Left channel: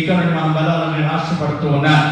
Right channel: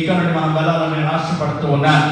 ఇక్కడ మనం వెళ్ళాలని ఆశపడుతూ ఉన్నాను.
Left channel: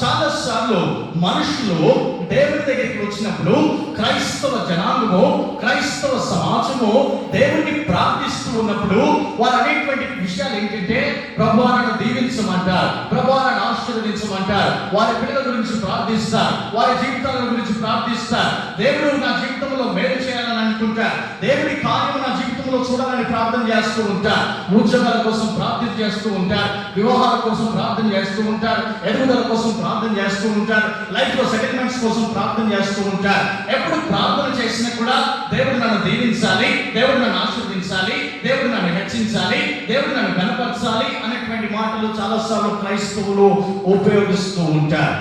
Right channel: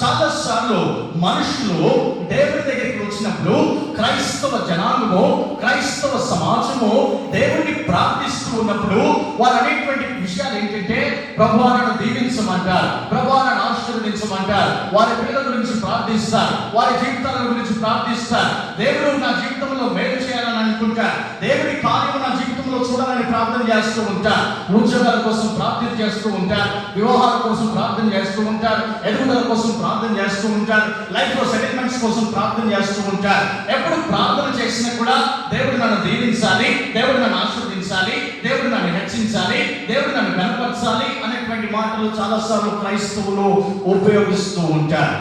చాలా సార్లు మనుషులు దేవుడి దగ్గరికి వచ్చినప్పుడు క్రైస్తవ జనాంగము, క్రైస్తవ సమాజము దేవుడిని ప్రార్థిస్తూ ఉన్నప్పుడు వారు అనేటువంటి విషయాలు ఏంటంటే, ప్రభువాలను దీవించమంటారు, ప్రభువాలను ఆశీర్వదించమంటారు, వారి పిల్లల గురించి ప్రార్థిస్తారు, వారి జీవితాల గురించి ప్రార్థిస్తారు. దేవుడు నా జీవితంలో మేలు చేయాలని అనుకుంటారు, దేవుడి కార్యం నా జీవితంలో చూడాలని ప్రార్థన చేస్తూ ఉంటారు, ఉద్యోగాల కోసం ప్రార్థన చేస్తూ ఉంటారు, వివాహాల కోసం ప్రార్థన చేస్తూ ఉంటారు, ఎదుగుదల కోసం ప్రార్థన చేస్తూ ఉంటారు, లైఫ్ లో సెటిల్మెంట్స్ కోసం ప్రార్థన చేస్తూ ఉంటారు. ఎప్పుడు ప్రార్థన చేసినా కూడా దేవుడు నన్ను దీవించాలి, దేవుడు నన్ను ఆశీర్వదించాలి, దేవుడు నన్ను హెచ్చించాలి, దేవుడు నన్ను బలపరచాలి అనేటువంటి మాటలు చాలాసార్లు క్రైస్తవులు ఉపయోగిస్తూ ఉంటారు.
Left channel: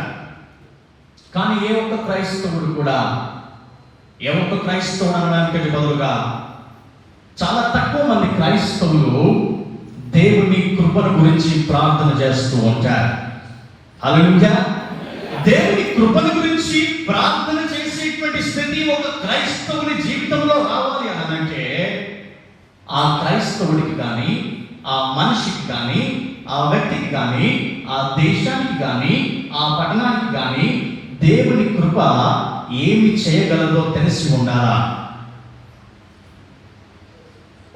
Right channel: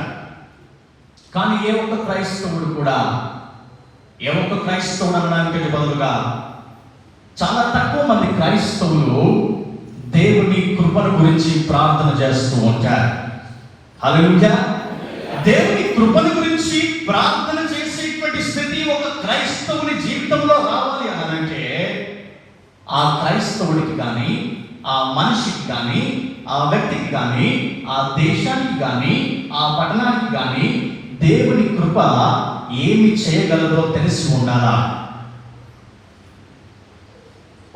కానీ ఏ ఒక్క క్రైస్తవుడు అనడానికి బదులుగా చాలా తక్కువ మంది క్రైస్తవులు దేవుని కృపను గురించి ప్రార్థన చేస్తూ ఉంటారు. హల్లెలూయా. దేవుని కృపను గురించి ప్రార్థన చేసేటువంటి స్థితి ఒక క్రైస్తవుని జీవితంలో రావాలి అనంటే, ఆ క్రైస్తవుడికి కానీ, ఆ మనిషికి కానీ, ఆ వ్యక్తికి కానీ, ఆ దేశానికి కానీ, ఆ పట్టణానికి కానీ దేవుని కృప ఏమి చేయగలదో తెలిసి ఉండాలా.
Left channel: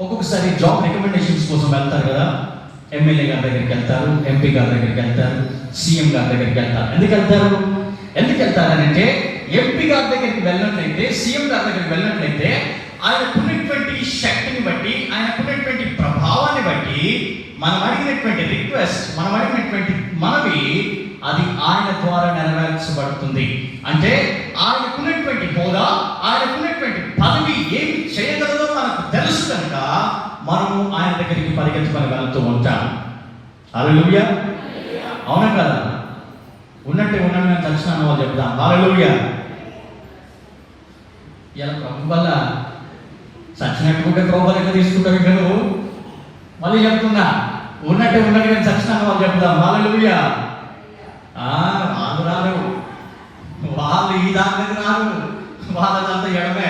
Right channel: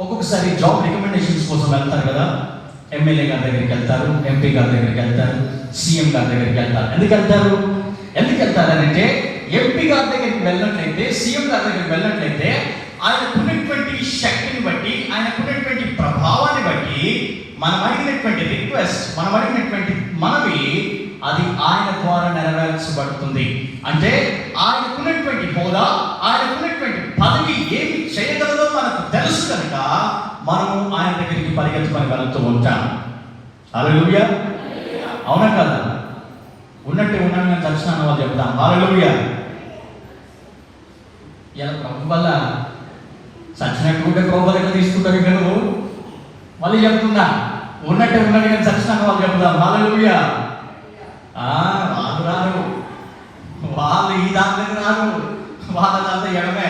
ఒక్కొక్కసారి జాబ్ రికమెండేషన్స్ కోసం వెళ్తారు కదా, ఎమ్మెల్యే గారి దగ్గరికి వెళ్తారు, ఎంపీ గారి దగ్గరికి వెళ్తారు, సీఎం గారి దగ్గరికి వెళ్తారు. ఎందుకు వెళ్తారంటే, ఎంపీ గారి దగ్గరికి వెళ్ళినట్లయితే, సీఎం గారి దగ్గరికి వెళ్ళినట్లయితే ఆయనకున్నటువంటి శక్తిని బట్టి, ఆయనకున్నటువంటి ప్రభావాన్ని బట్టి మనం అడిగినటువంటి రిక్వెస్ట్, మనం అడిగినటువంటి మనవి అది ఆయన ద్వారా నెరవేర్చబడుతుంది. అంటే ఆయనకున్నటువంటి హోదా, ఆయనకున్నటువంటి పదవి ఏమి చేయగలదో మనకు తెలుసు కనుక మనం ఆయన దగ్గరికి పరిగెత్తుకొని వెళ్తూ ఉంటాం. హల్లెలూయా. అవునా కదా? ఉన్నట్టు ఉన్న దర్శనం వాళ్ళు చెప్తాం. హల్లెలూయా. వల్ల చచ్చినట్టుకుంటే కోపలకి తీసుకుంటారు. మళ్ళీ చెప్తున్నా, ఉన్నట్టుగా దర్శనం వాళ్ళు చెప్తాం. హల్లెలూయా. వాళ్ళు ఈ దాని రాదు, వాళ్ళంతా ఎడమే.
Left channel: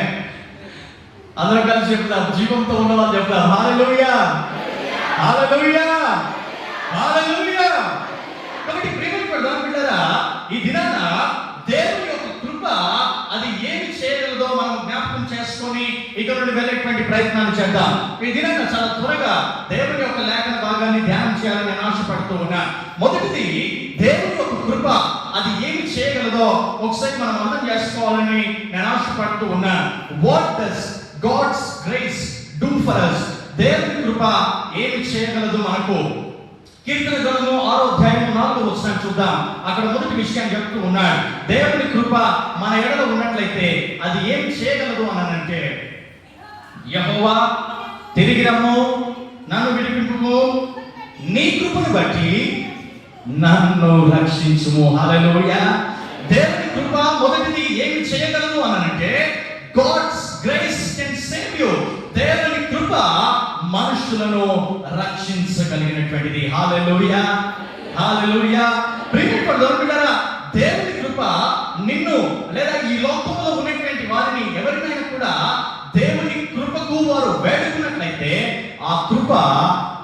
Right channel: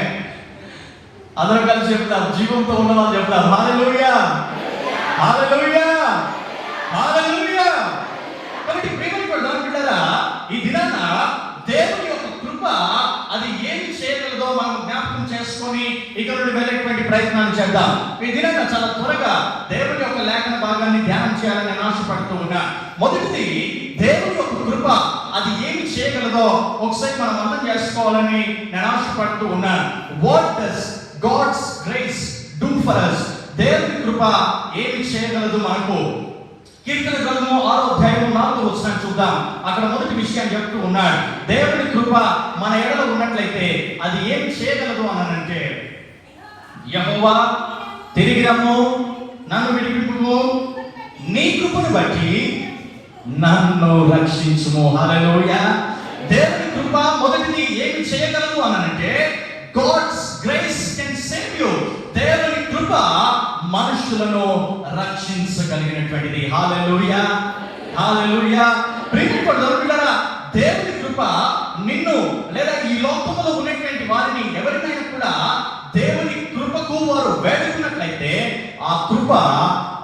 అందరూ కలిసి చెప్తారు, జీవంతో ఉన్న వాళ్ళు చెప్తారు. హల్లెలూయా, హల్లెలూయా, హల్లెలూయా. కాబట్టి ఈ దినాన దేవుని యొక్క కృప అది ఏమి చేయగలదో మనం జ్ఞాపకం చేసుకొని ఇక నుండి వెళ్ళేటువంటి ప్రయత్నాలు చేద్దాం. ఈ దినాన చాలా త్వరగా దేవుని యొక్క లేఖన భాగాన్ని ధ్యానం చేయాలని ఆశపడుతూ ఉన్నా. మొదటిది, దేవుని యొక్క కృప అది ఏమి చేయగలదో ఒకసారి మనం అర్థం చేసుకోవాలని నేను ఆశపడుతూ ఉన్నాను. What does God's grace do for us? దేవుని కృప ఏమి చేయగలదు మనకు? కీర్తన గ్రంథం 6వ అధ్యాయం 4వ వచనం చూద్దాం. అక్కడ మొదటి విషయం చెప్తూ ఉన్నాడు, దేవుని కృప మన ఎడల ఉన్నట్లయితే అది ఏమి చేయగలదు అనంటే, యెహోవా తిరిగి రమ్ము, నన్ను విడిపించుము, నీ కృపను బట్టి నన్ను రక్షించుము. హల్లెలూయా. దేవుని కృప మొదటిది ఏమి చేయగలదు అనంటే, God's grace can save you. దేవుని కృప మనుషులను రక్షించగలిగినటువంటిది. హల్లెలూయా, హల్లెలూయా. ప్రియమైన దేవుని కృప నిన్ను లేదా ఈ లోకంలో ఉన్నటువంటి వారిని ఎవరినైనా కూడా దేవుని కృపకు వారు వేడుకున్నట్లయితే ఆ కృప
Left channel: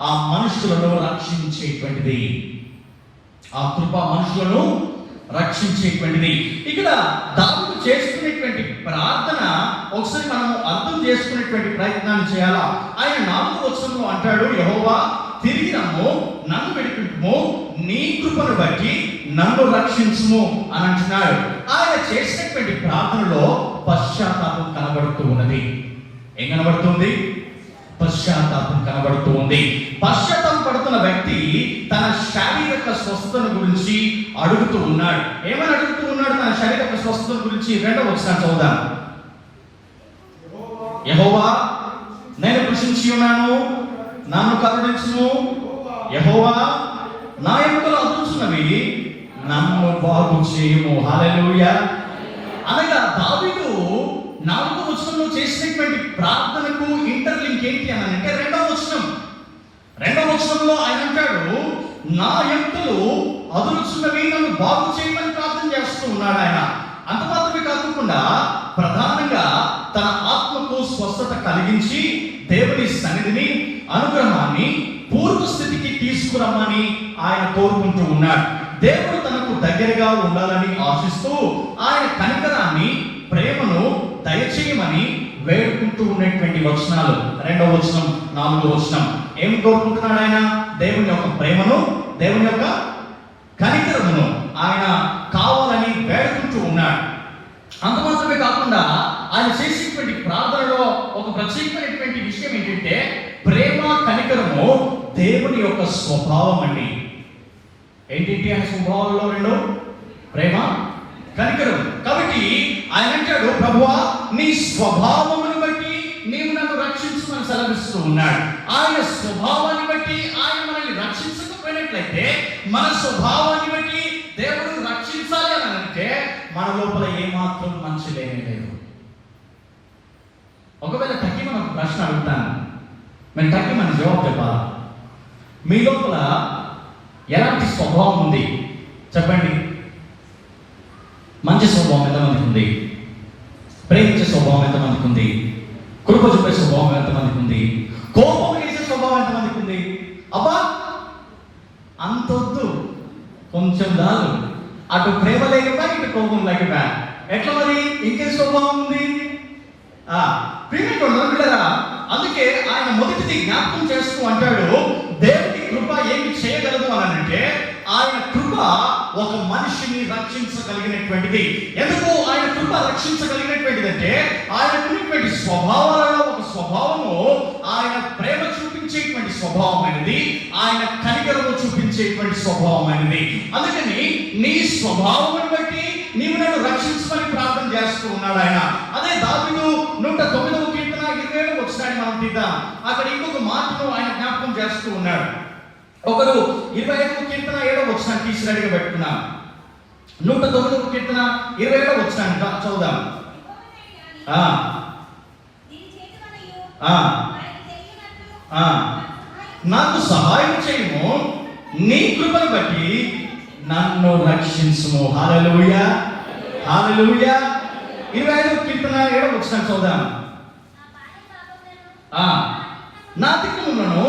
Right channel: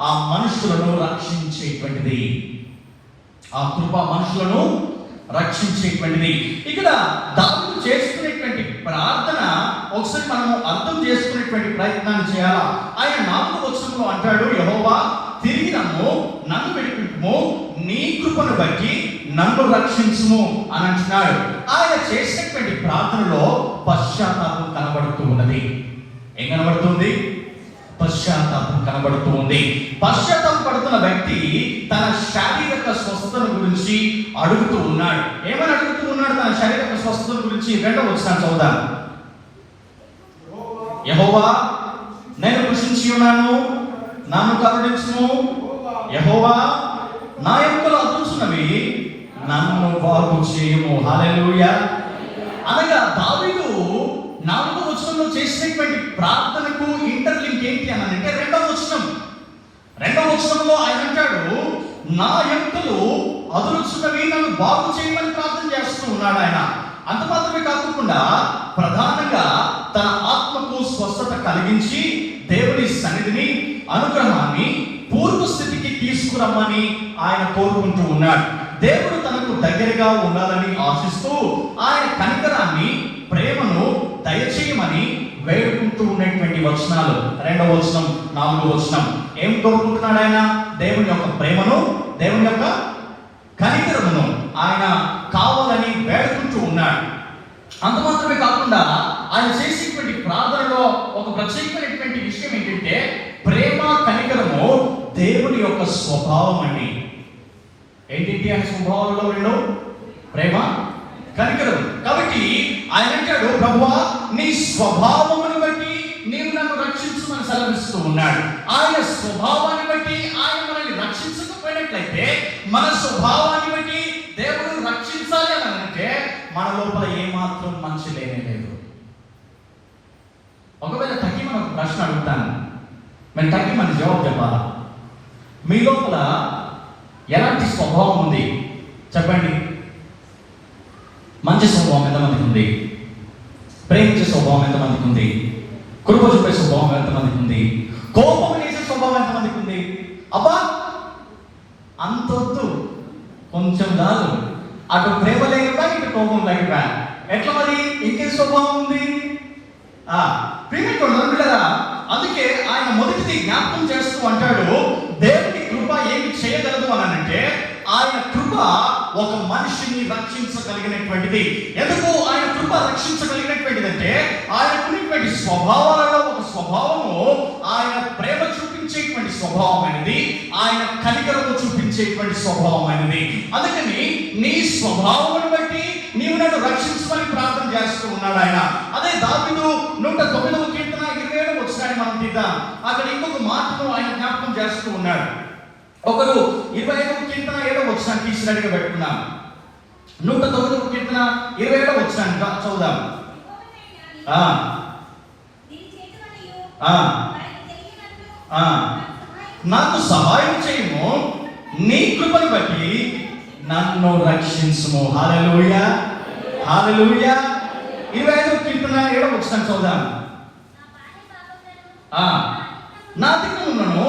ఆ మనుషులను రక్షించేటువంటిది. ఆ కృప మనుషులను రక్షించేటువంటిది. ఇక్కడ దావీదు చేసుకునేటువంటి ప్రార్థన ఒకసారి మనం అర్థం చేసుకునేటువంటి ప్రయత్నాన్ని చేయాలా. ఆయన 4వ వచనంలో అంటాడు, యెహోవా తిరిగి రమ్ము, నన్ను విడిపించుము, నీ కృపను బట్టి నన్ను రక్షించుము అని అంటున్నాడు. ఆయన చేసినటువంటి ప్రార్థనలో పశ్చాత్తాపం కనబడుతూ ఉన్నది. ఏం కనబడుతుంది? పశ్చాత్తాపం కనబడుతూ ఉంది. పశ్చాత్తాపం పడుతున్న వ్యక్తి తన శారీరక స్వస్థత గురించి అడుగుతూ ఉన్నాడు. ఏమని అడుగుతూ ఉన్నాడు? తన శారీరక స్వస్థత గురించి 2వ వచనం చదువుదాం. యెహోవా నేను కృషించి ఉన్నాను, నన్ను కరుణించుము. యెహోవా నా ఎముకలు అదురుచున్నవి, నన్ను బాగు చేయుము. హల్లెలూయా. అనగా దావీదు 4వ వచనంలో చేసినటువంటి ప్రార్థనకు ఇంటర్లింక్ ఏంటి అని అంటే 2వ వచనం. 2వ వచనంలో ఆయన అంటాడు, నా ఎముకలు అదురుచున్నవి, నన్ను బాగు చేయమని ప్రార్థన చేస్తూ ఉన్నాడు ఆయన. అంత మాత్రమే కాకుండా ప్రధానంగా తన ఆత్మకు స్వస్థత కలిగించి దేవుని సన్నిధిని, అనుగ్రహాన్ని పూర్వ స్థితికి తీసుకురా కోరుకుంటూ ఉన్నాడు. దేవుడు తనకు దగ్గరగా ఉండాలని ఆశిస్తూ ఆయన కనికరాన్ని, ప్రేమను దయచేయమని వేడుకుంటూ ఉన్నటువంటి వచనాలు. 2వ వచనం, 4వ వచనం ఏం కోరుకుంటున్నాడు ఆయన? దేవుని యొక్క ప్రేమను, దేవుని యొక్క కనికరమును ఆయన కావాలని వేడుకుంటూ ఉన్నాడు. అంత మాత్రమే కాకుండా ఆయన చేసేటువంటి ప్రార్థనలో ఒక ప్రత్యేకమైనటువంటి విషయం ఏంటంటే ప్రేమ, కనికరము దేవుని యొక్క స్వభావం అండి. ఏంటి ఆయన స్వభావంలో రెండు? ప్రేమ, కనికరం. కాబట్టి ఆయన అంటాడు, ప్రభువా నీ స్వభావమును బట్టి నీవు నన్ను రక్షించమని సెలవిస్తూ ఉన్నాడు. ఆయన స్వభావాన్ని బట్టి ఆయన మనల్ని రక్షించకపోయినట్లయితే, మన స్వభావాన్ని బట్టి దేవుడు రక్షించాలి అని అంటే మన లోపల ఏమాత్రం మంచి లేనే లేదు. ఒకవేళ తగ్గి మనకు ప్రశ్న అడుగుతాను, మేము తగ్గి మన జవాబు చెప్పాలి. మీ లోపల ఎలాంటి స్వభావం ఉంది చెప్పండి. మంచి స్వభావం ఎంతమందికి ఉంది? ప్రేమించే స్వభావం ఎంతమందికి ఉంది? కృప చూపే స్వభావం ఎంతమందికి ఉంది? కోపం వేసే స్వభావం ఎంతమందికి ఉంది? అబ్బా అంతొద్దు, కొంచెం రాదు. అటు ప్రేమ లేకపోయా, ఇటు కోపం లేకపోయా, ఎట్లా మరి ఇంకే స్వభావం ఉంది? ప్రేమికుడు. అందుకే ఆయన మొదటిది జ్ఞాపకం చేస్తూ అంటాడు, దేవుని కృప ఏమి చేయగలదు అని అంటే ఆయన కృప ఒక మనిషిని రక్షించగలిగినటువంటిది. ఎందుకు ఆయన కృప రక్షించగలిగినటువంటిది అంటే ఆయన ఉన్నటువంటి స్వభావాలలో ఒక స్వభావము ఆయన ప్రేమ చూపించేటువంటి స్వభావం అనేది, ఆయన కనికరము చూపించేటువంటి స్వభావం అనేది. అందుకని నీ స్వభావం బట్టి నీవు నన్ను రక్షించమని ప్రార్థన చేస్తూ ఉన్నాడు ఆయన. అదే దావీదు 109వ కీర్తన 27వ వచనాన్ని మనం తీద్దాం. అక్కడ ఇంకొక మాటను ఆయన జ్ఞాపకం చేస్తూ ఉన్నాడు. ఒకరు 25వ కీర్తన 7వ వచనాన్ని తీసినట్టుగా పెట్టుకున్నాం. 109వ కీర్తన 27వ వచనాన్ని చదువుదాం. నాకు సహాయం చేయము, నీ కృపను బట్టి నన్ను రక్షించుము. హల్లెలూయా, హల్లెలూయా. 25వ కీర్తన 7వ వచనం చదువుదాం. నా దిక్కులను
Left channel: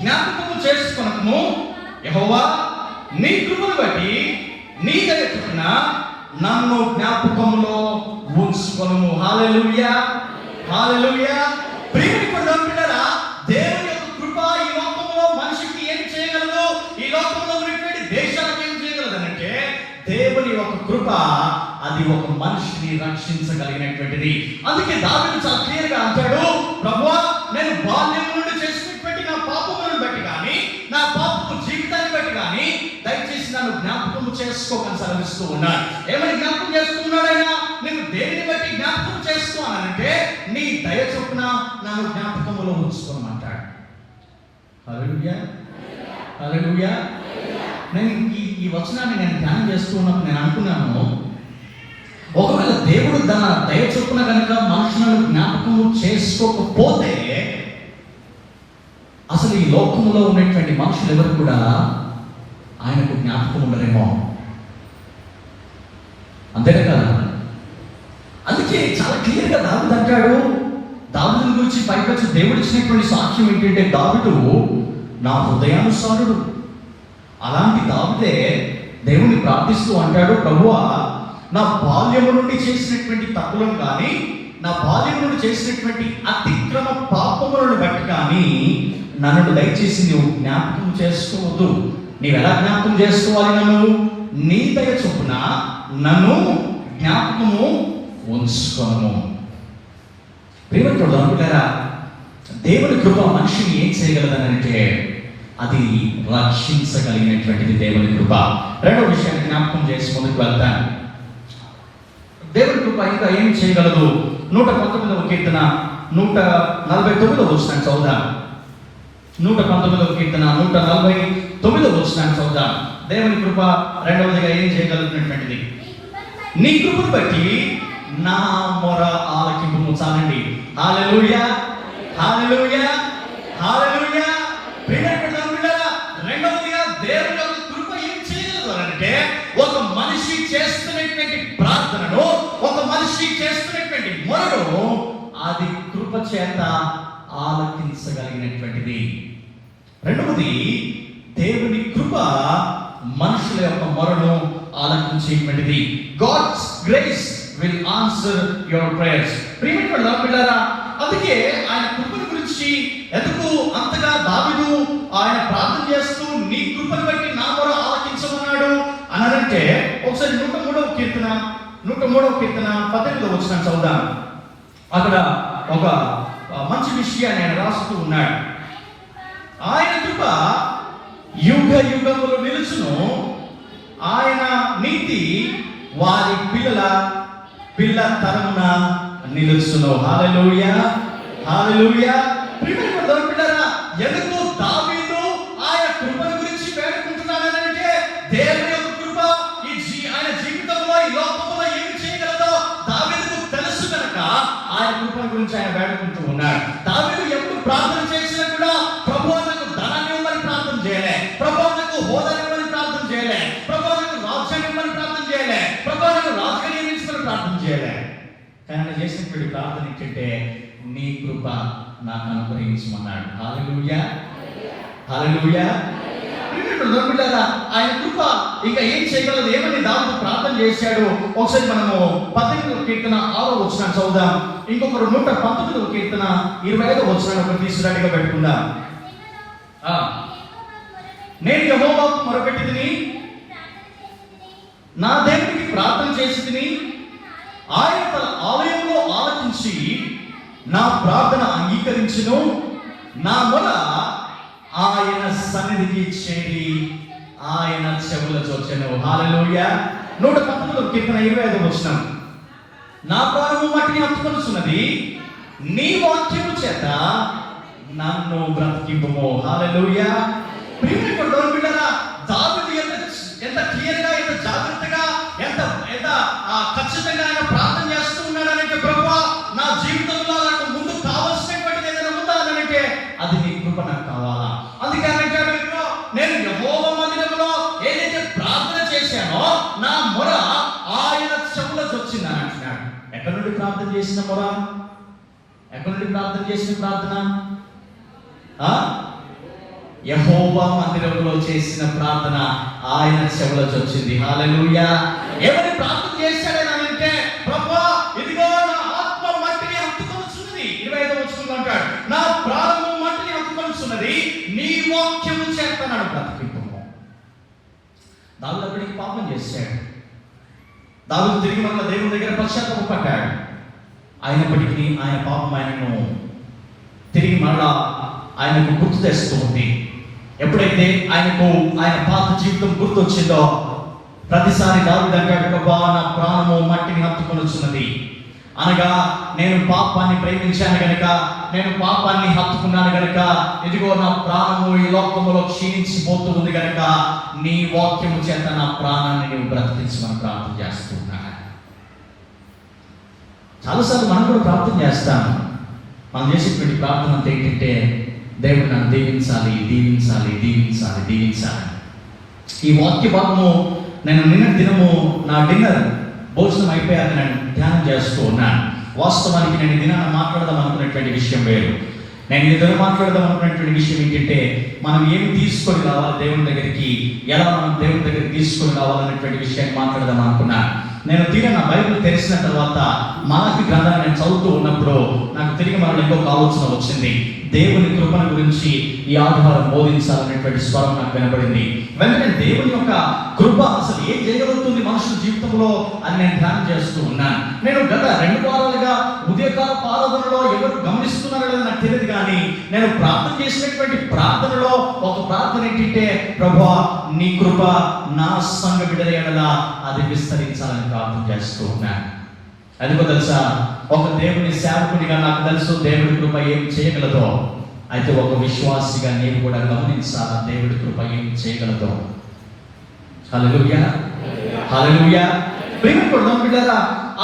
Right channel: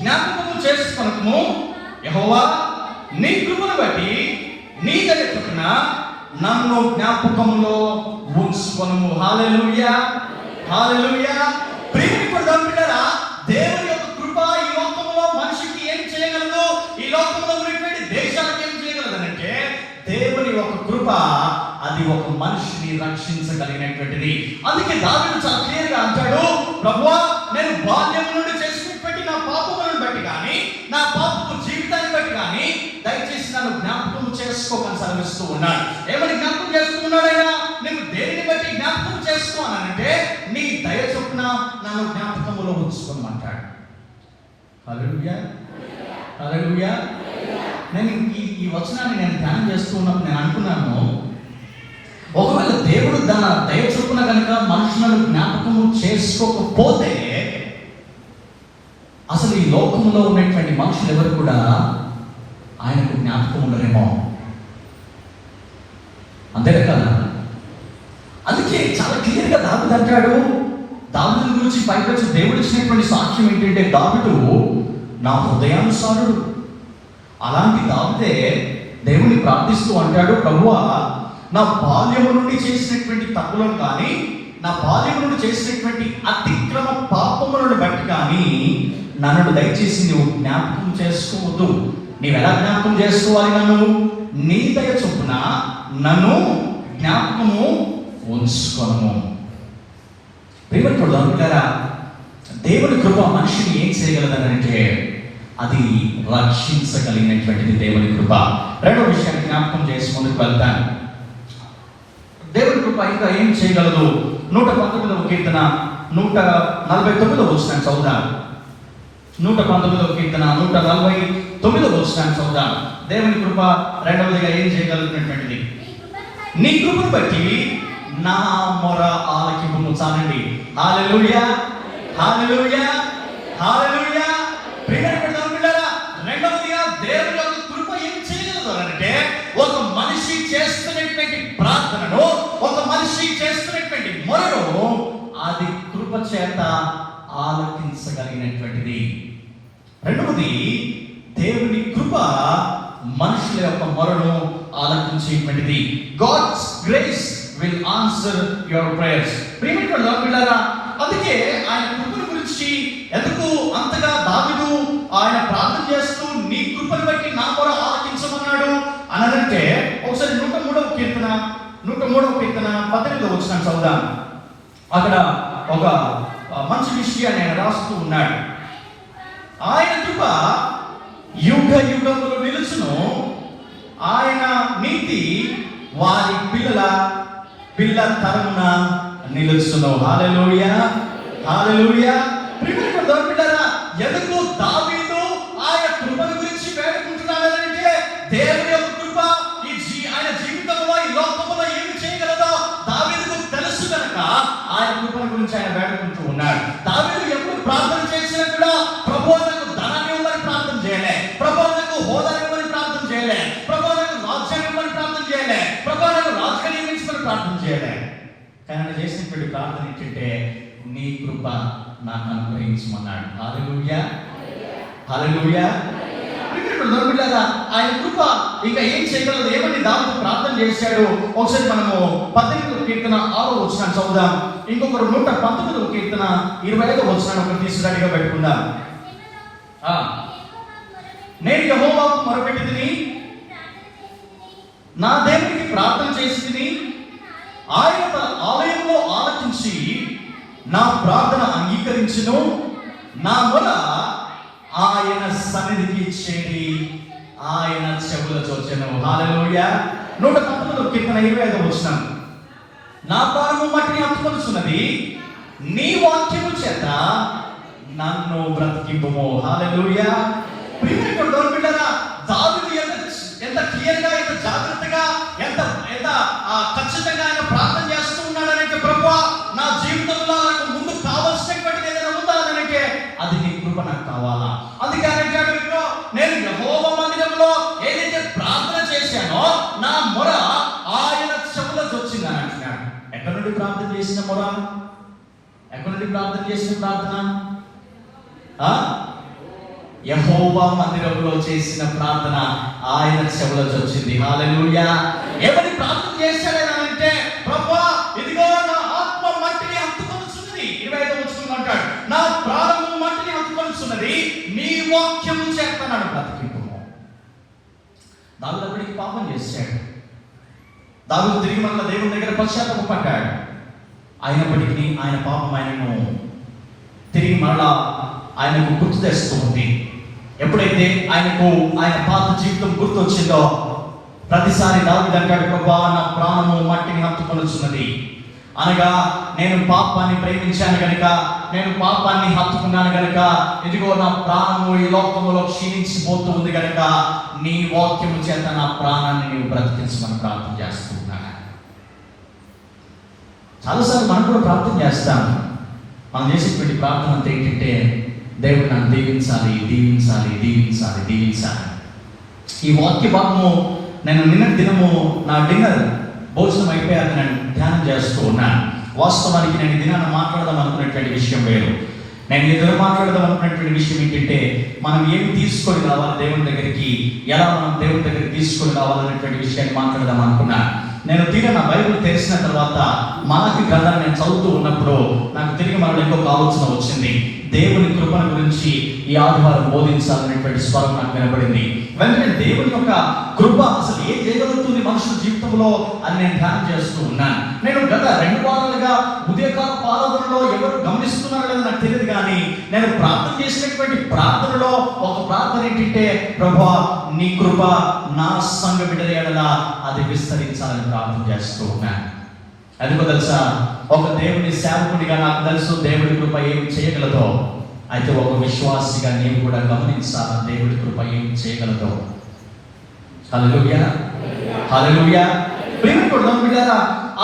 జ్ఞాపకము చేసుకొనుము, యెహోవా నీ కృపను బట్టి నీ దయ చొప్పున నన్ను జ్ఞాపకంలో ఉంచుకొనుము. హల్లెలూయా, హల్లెలూయా. ప్రేమికుడు అంటారా, దేవుని యొక్క కృప ఈ లోకంలో మనిషికి ఏం చేయగలదు, ఈ లోకంలో ఉన్నటువంటి దేశాలకు ఏం చేయగలదు అంటే దేవుని యొక్క కృప అది ఒక మనిషిని రక్షించగలిగినటువంటిది. అందుకే దావీదు చాలా క్లియర్గా అంటాడు, ప్రభువా నేను బాల్యం నుండి చేసినటువంటి నా పాపములను బట్టి కానీ, నా పాపపు జీవితాన్ని బట్టి కానీ దయచేసి నన్ను జ్ఞాపకం చేసుకోమని సెలవిస్తూ ఉన్నాడు. ఏమని జ్ఞాపకం చేస్తున్నాడు ఆయన? నేను దేనిని బట్టి జ్ఞాపకం చేస్తున్నానంటే నీ దయ చొప్పున నన్ను జ్ఞాపకంలో ఉంచుకోమంటాడు. హల్లెలూయా, హల్లెలూయా. నేను ఈ వచనాన్ని నేను ధ్యానం చేస్తున్నప్పుడు నేను అనుకున్నాను, ఒకవేళ దేవుడు తన దయ చొప్పున కనుక మనుషులను జ్ఞాపకం చేసుకోకపోతే అసలు ఈ లోకంలో ఉన్నటువంటి మనుషులు ఎవరు కూడా ఆయనకు జ్ఞాపకం ఉండరేమో. అంతే కదా? అందుకే చాలా క్లియర్గా దావీదు అంటాడు. దావీదు గురించి పైకొచ్చి దేవుడు ఇచ్చినటువంటి సాక్ష్యం ఏంటంటే దావీదు నా హృదయానుసారుడు. అలాంటి దావీదే దేవుని ప్రార్థిస్తూ అంటాడు, ప్రభువా నా బాల్యం నుండి చేసినటువంటి తప్పులను కానీ, నా బాల్యం నుండి చేసినటువంటి అతిక్రమ పాపములను బట్టి కానీ నన్ను దయచేసి నీవు జ్ఞాపకం చేసుకోవద్దు. నీవు ఎలా జ్ఞాపకం చేసుకోవాలి? నన్ను నీ దయ చొప్పున నన్ను జ్ఞాపకము ఉంచుకోను. దేవుని కృప మనిషిని ఏం చేయగలదనంటే అది రక్షించగలిగినటువంటిది దేవుని కృప. రెండవ విషయాన్ని జ్ఞాపకం చేసి ముందుకు వెళ్తాను. దేవుని కృప ఇంకా ఏం చేయగలదు? 119వ కీర్తన 149వ వచనం చదువుదాం. 119వ కీర్తన 149వ వచనం చదువుదాం. దేవుని కృప రెండవదిగా ఏం చేయగలిగినటువంటిది? నీ కృప బట్టి నా మొర ఆలకింపును చాలండి. హల్లెలూయా, హల్లెలూయా, హల్లెలూయా. రెండవదిగా దేవుని యొక్క కృప ఏం చేయగలదు అంటే ఒక మనిషి చేస్తున్నటువంటి ప్రార్థనను, ఒక మనిషి చేస్తున్నటువంటి మొరను అది కృప చేత ఆలకించగలిగినటువంటిది. రెండవది దేవుని కృప ఆలకించేటువంటిది. God's grace will answer your prayers. ప్రియమైన పిల్లరా, అందుకే ఆయన కృపను గురించి ఎందుకు అంతగా దావీదు ఆయన ప్రార్థన చేస్తూ నీ కృపను బట్టి నా కూడా ఆలకించమన్నాడు అనంటే, ఒకసారి 103వ కీర్తన 18వ వచనం చదువుదాం. అక్కడ ఒక మంచి విషయాన్ని ఆయన రాస్తూ ఉన్నాడు. ఆయన కృప యుగ యుగములు నిలుచును, ఆయన నీతి వారి పిల్ల తరమున నిలుచును. హల్లెలూయా, హల్లెలూయా. పిల్లరా, ఎందుకు దావీదు ఆయన కృపను గురించి వేడుకుంటున్నాడంటే, దేవుని యొక్క కృప ఆయన జీవితంలో ఈ లోకంలో ఏమి చేయగలదో దావీదుకు తెలుసు కనుక ఆయన కృపను గురించి ఆయన వేడుకుంటూ ఉన్నాడు. దావీదు ఎప్పుడు ప్రార్థన చేసినా కూడా ప్రభువు నాకు ధనాన్ని ఇవ్వమని ప్రార్థన చేయలే, ప్రభువు నాకు హోదా ఇవ్వమని ప్రార్థన చేయలే, ప్రభువు నాకు రాజ్యం ఇవ్వమని ప్రార్థన చేయలే, ప్రభువు నాకు రాజుగా నియమించుకొని ప్రార్థన చేయలే. కానీ చేసినటువంటి ప్రార్థన ఏంటంటే, నీ కృప నాకు అనుగ్రహించమన్నాడు. హల్లెలూయా, హల్లెలూయా. ఆయన కృప ఇంకా ఏం చేయగలదు, ఏమని దాంతో ప్రార్థన చేశాడు. ఒకసారి మనము 18వ కీర్తన 6వ వచనం చదువుదాం. ఇంకొకరు 119వ కీర్తన 25వ వచనాన్ని తీసుకురాగా పెట్టుకుందాం. నేను యెహోవాకు మొరపెట్టితిని, నా దేవునికి ప్రార్థన చేసితిని, ఆయన తన ఆలయంలో ఆలకించి నా ప్రార్థన అంగీకరించును, నా మొర ఆయన సన్నిధికి చేరి ఆయన చెవుల చొచ్చెను. హల్లెలూయా. 119వ కీర్తన 25వ వచనం. నా ప్రాణము వాటిని హత్తుకొనుచున్నది, నీ వాక్యము చేత నన్ను బ్రతికింపుము. హల్లెలూయా. దావీదు ఎంత క్లియర్గా, ఎంత జాగ్రత్తగా, ఎంత ఖచ్చితంగా ఆయన ప్రార్థన చేస్తూ ఉన్నాడంటే, ప్రభువా నా జీవితంలో నాకు ముందు కావాల్సినటువంటిది ఏదైనా ఉందా అంటే అది నీ కృప నాకు కావాలా. అందుకే నేను యెహోవా మందిరంలో ఏదైతే ప్రార్థన చేశానో నా మొర ఆయన చెవులకు వచ్చిందని అంటున్నాడు. ఎక్కడి నుండి ప్రార్థన చేసిన మొర, ఎక్కడి నుండి ప్రార్థన చేసిన ప్రార్థన? యెహోవా మందిరంలో చేసిన ప్రార్థన ఆయన చెవులకు వచ్చింది. హల్లెలూయా. ఎవరి ప్రార్థన చేశాడంటే, ప్రభువా ఇదిగో నా ఆత్మ మట్టిని హత్తుకొనుచున్నది. 25వ వచనం అంటాడు, నా ప్రాణము మట్టిని హత్తుకొనుచున్నది, నీ వాక్యము చేత నన్ను బ్రతికింపుము. దావీదు పాపం చేశాడు. దావీదు తిరిగి మళ్ళీ దేవుని దగ్గర పశ్చాత్తాపడ్డాడు. అయినప్పటికీ ఆయన పాపం ఆయనను తిరిగి మళ్ళా ఆయనకు గుర్తు తెస్తుంది. ఎప్పుడైతే ఆయనకు ఆయన పాత జీవితం గుర్తు వచ్చిందో ప్రతిసారి దావీదు అంటాడు, ప్రభువా నా ప్రాణము మట్టిని హత్తుకొనుచున్నది, అనగా నేను పాపాన్ని ప్రేమించాను గనుక, నేను పాపాన్ని హత్తుకున్నాను గనుక, ఇదిగో నా ప్రాణము ఈ లోకములో క్షీణించిపోతూ ఉంది గనుక నీ వాక్యము చేత నా ప్రాణాన్ని నేను బ్రతికించమని ప్రార్థన చేస్తున్నాను. చాలాసార్లు మనం కూడా ప్రార్థన చేస్తాను. మనం చేసేటువంటి ప్రార్థన అంతా ఏంటంటే, దేవుడు నన్ను దీవించాలి, దీవించాలి, దీవించాలి, దీవించాలి. ఈ వాక్య భాగము నేను నిన్న దినము నా డిన్నర్ భోజనం అయిపోయాక నేను ధ్యానం చేస్తూ ఉన్నాను. వాస్తవానికి నేను దినాన్ని మాట్లాడదాం అనుకున్నటువంటి విషయం వేరు. నేను ఇద్దరు మాట్లాడదాం అనుకున్నటువంటి విషయం ఏంటంటే, మనం ఏమి తీసుకొని రావాలి దేవుని దగ్గరికి, ఎలా మనం దేవుని దగ్గరికి తీసుకొని రావాలనేటువంటి విషయాన్ని మాట్లాడదాం అనుకున్నాను. నేను తిరిగి నా బైబిల్ తెరిచిన తర్వాత మానవి గ్రంథాన్ని నేను చదువుతూ ఉన్నప్పుడు నాకు తిరిగి మరో ఇంకొక ఆలోచన వచ్చింది. దేవుని కృపను గురించి ఈ ఆదివారం బోధించాలనేటువంటి స్వరం నాకు వినపడింది. వెంటనే దేవుని యొక్క కృప అసలు ఏం చేయగలుగుతుంది మనుషుల జీవితంలో అని నేను ధ్యానం చేస్తూ ఉన్నాను. నేను గత 2 వారాలుగా ఉదయకాల పాదములలో ఎవరు గమనిస్తున్నారు కదా నాకు తెలియదు, కానీ నేను ప్రార్థన చేసినటువంటి ప్రార్థనలో ఒక ప్రార్థన ఏంటంటే, ప్రభువా నీ కృప నా సంఘ బిడ్డల ఎడల అది విస్తరించాలని ప్రార్థన చేస్తూ ఉన్నాను. ఎందుకో తెలుసా, ఒక దేవుని సేవకుడిగా నాకు తెలుసు దేవుడి కృప ఏమి చేయగలదో. అయితే ఒక విశ్వాసిగా నేను కూడా గమనించాలి దేవుడి కృప ఏమి చేయగలదో. హల్లెలూయా, హల్లెలూయా.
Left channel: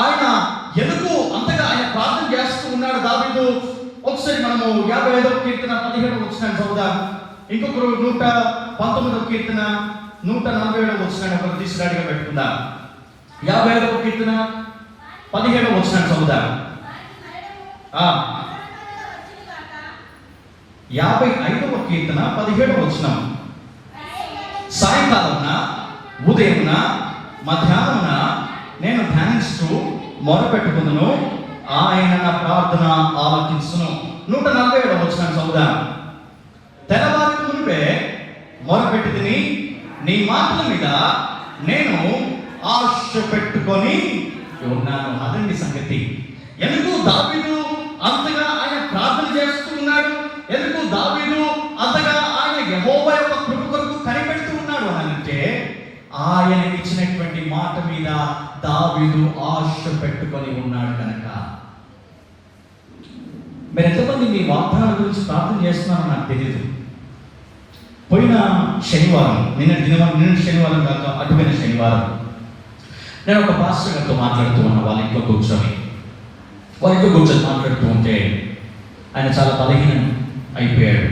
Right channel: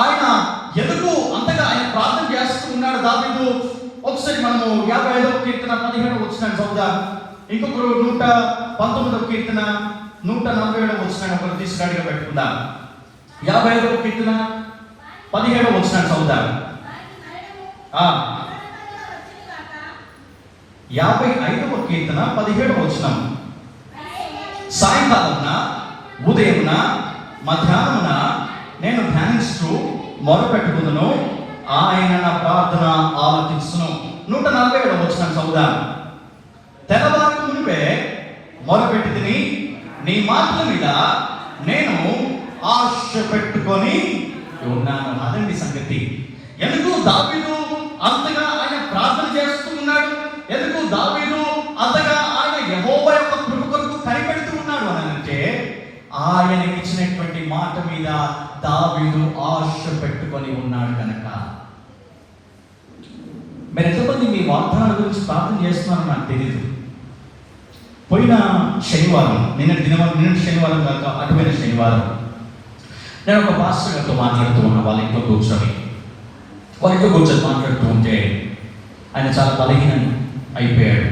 ఆయన ఎందుకు అంతగా ఆయన ప్రార్థన చేస్తూ ఉన్నాడు దావీదు. ఒకసారి మనము 55వ కీర్తన 17వ వచనాన్ని చదువుదాం. ఇంకొకరు 119వ కీర్తన 147వ వచనాన్ని ఒకరు తీసుకురాగా పెట్టుకుందాం. 55వ కీర్తన 17వ వచనాన్ని చదువుదాం. 55వ కీర్తన 17వ వచనం. సాయంకాలమున ఉదయమున మధ్యాహ్నమున నేను ధ్యానిస్తూ మొరపెట్టుకుందును, ఆయన నా ప్రార్థన ఆలకించును. 147వ వచనం చదువుదాం. తెల్లవారక మునుపే మొరపెట్టి తిని నీ మాటల మీద నేను ఆశ పెట్టుకొని ఉన్నాను. అదండి సంగతి. ఎందుకు దావీదు అంతగా ఆయన ప్రార్థన చేస్తున్నాడు? ఎందుకు దావీదు అంతగా ఆయన యెహోవా యొక్క కృప కొరకు కనిపెడుతూ ఉన్నాడు అని అంటే, ఆయన ఇచ్చినటువంటి మాట మీద దావీదు ఆశ పెట్టుకొని ఉన్నాడు కనుక. మీరు ఎంతమంది మీ వాగ్దానాల గురించి ప్రార్థన చేస్తున్నారో నాకు తెలియదు. పోయిన శనివారం, నిన్న శనివారం కాక అటువైన శనివారం నేను ఒక పాస్టర్తో మాట్లాడుతూ ఉన్నా. వాళ్ళ ఇంట్లో కూర్చొని మాట్లాడుతూ ఉంటే ఆయన చాలా బలహీనం అయిపోయాడు.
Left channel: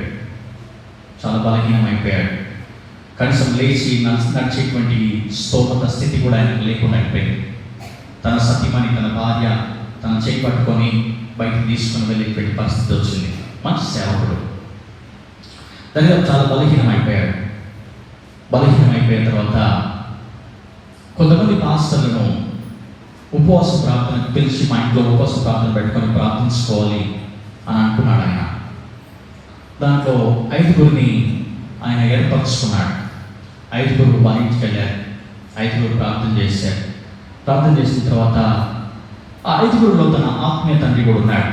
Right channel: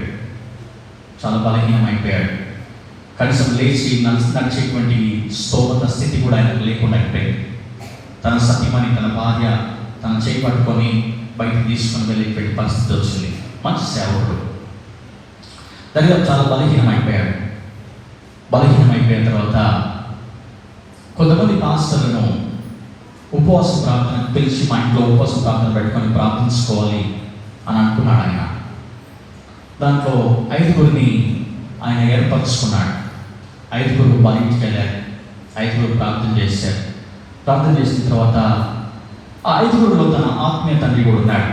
కనీసం లేచి నడిచేటువంటి స్తోమత స్థితి కూడా ఆయనకు లేకుండా అయిపోయింది. తన సతీమణి, తన భార్య తన చేయి పట్టుకొని బయటకు తీసుకొని వెళ్ళేటువంటి పరిస్థితి వచ్చింది. మంచి సేవకుడు, దానిలో చాలా బలహీనం అయిపోయిన తర్వాత కొంతమంది పాస్టర్లను ఉపవాస ప్రార్థనకు పిలిచి మా ఇంట్లో ఉపవాస ప్రార్థన పెట్టుకొని ప్రార్థించుకోవాలి అని అనుకున్నాడు ఆయన. దాంట్లో 5గురిని ఆయన ఏర్పరచుకున్నాడు. 5గురు వాళ్ళ ఇంటికి వెళ్ళారు. 5గురు ప్రార్థన చేశారు. ప్రార్థన చేసిన తర్వాత ఆ 5గురులో తన ఆత్మీయ తండ్రి కూడా ఉన్నాడు.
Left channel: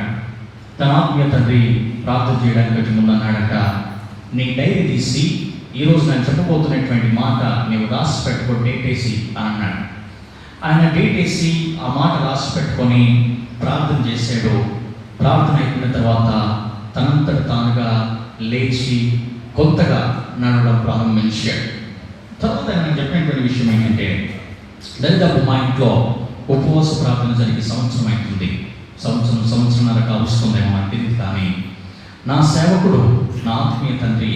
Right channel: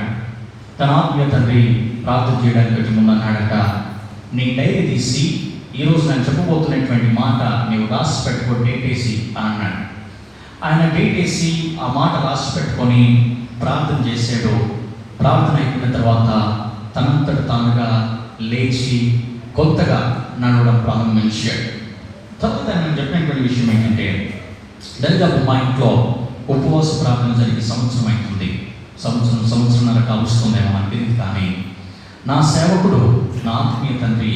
తన ఆత్మీయ తండ్రి ప్రార్థన చేయడానికి ముందు అన్నాడట, నీ డైరీ తీసి ఈరోజు నేను చెప్పబోతున్నటువంటి మాట నీవు రాసి పెట్టుకో, డేట్ వేసి అన్నాడు. ఆయన డేట్ వేసి ఆ మాట రాసి పెట్టుకొని ప్రార్థన చేశాడు. ప్రార్థన అయిపోయిన తర్వాత తనంతట తానుగా లేచి కొత్తగా నడవడం ప్రారంభించాడు. తర్వాత నేను చెప్పినటువంటి విషయం ఏంటంటే, దాదాపు మా ఇంట్లో ఉపవాస ప్రార్థన జరిగి సంవత్సరం అవుతుంది. సంవత్సరాల కలుస్తుందేమో అనిపింది. కానీ నా సేవకుడు, నా ఆత్మీయ తండ్రి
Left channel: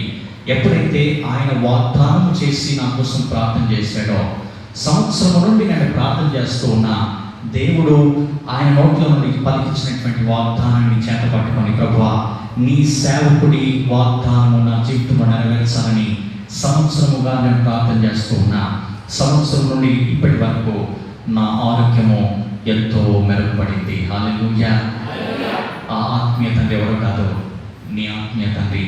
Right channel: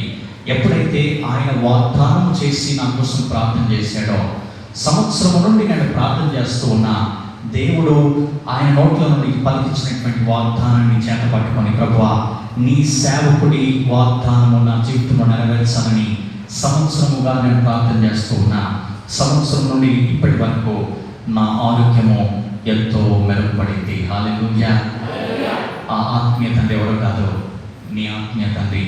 ఎప్పుడైతే ఆయన వాగ్దానం చేసి నా కోసం ప్రార్థన చేశాడో, సంవత్సరం నుండి నేను ప్రార్థన చేస్తూ ఉన్నా దేవుడు ఆయన నోట్ల నుండి పలికించినటువంటి వాగ్దానాన్ని చేత పట్టుకొని, ప్రభువా నీ సేవకుడి వాగ్దానం నా జీవితంలో నెరవేర్చాలని సంవత్సరముగా నేను ప్రార్థన చేస్తూ ఉన్నా. సంవత్సరం నుండి ఇప్పటి వరకు నా ఆరోగ్యము ఎంతో మెరుగుపడింది. హల్లెలూయా. ఆ ఆత్మీయ తండ్రి ఎవరు కాదు, నీ ఆత్మీయ తండ్రి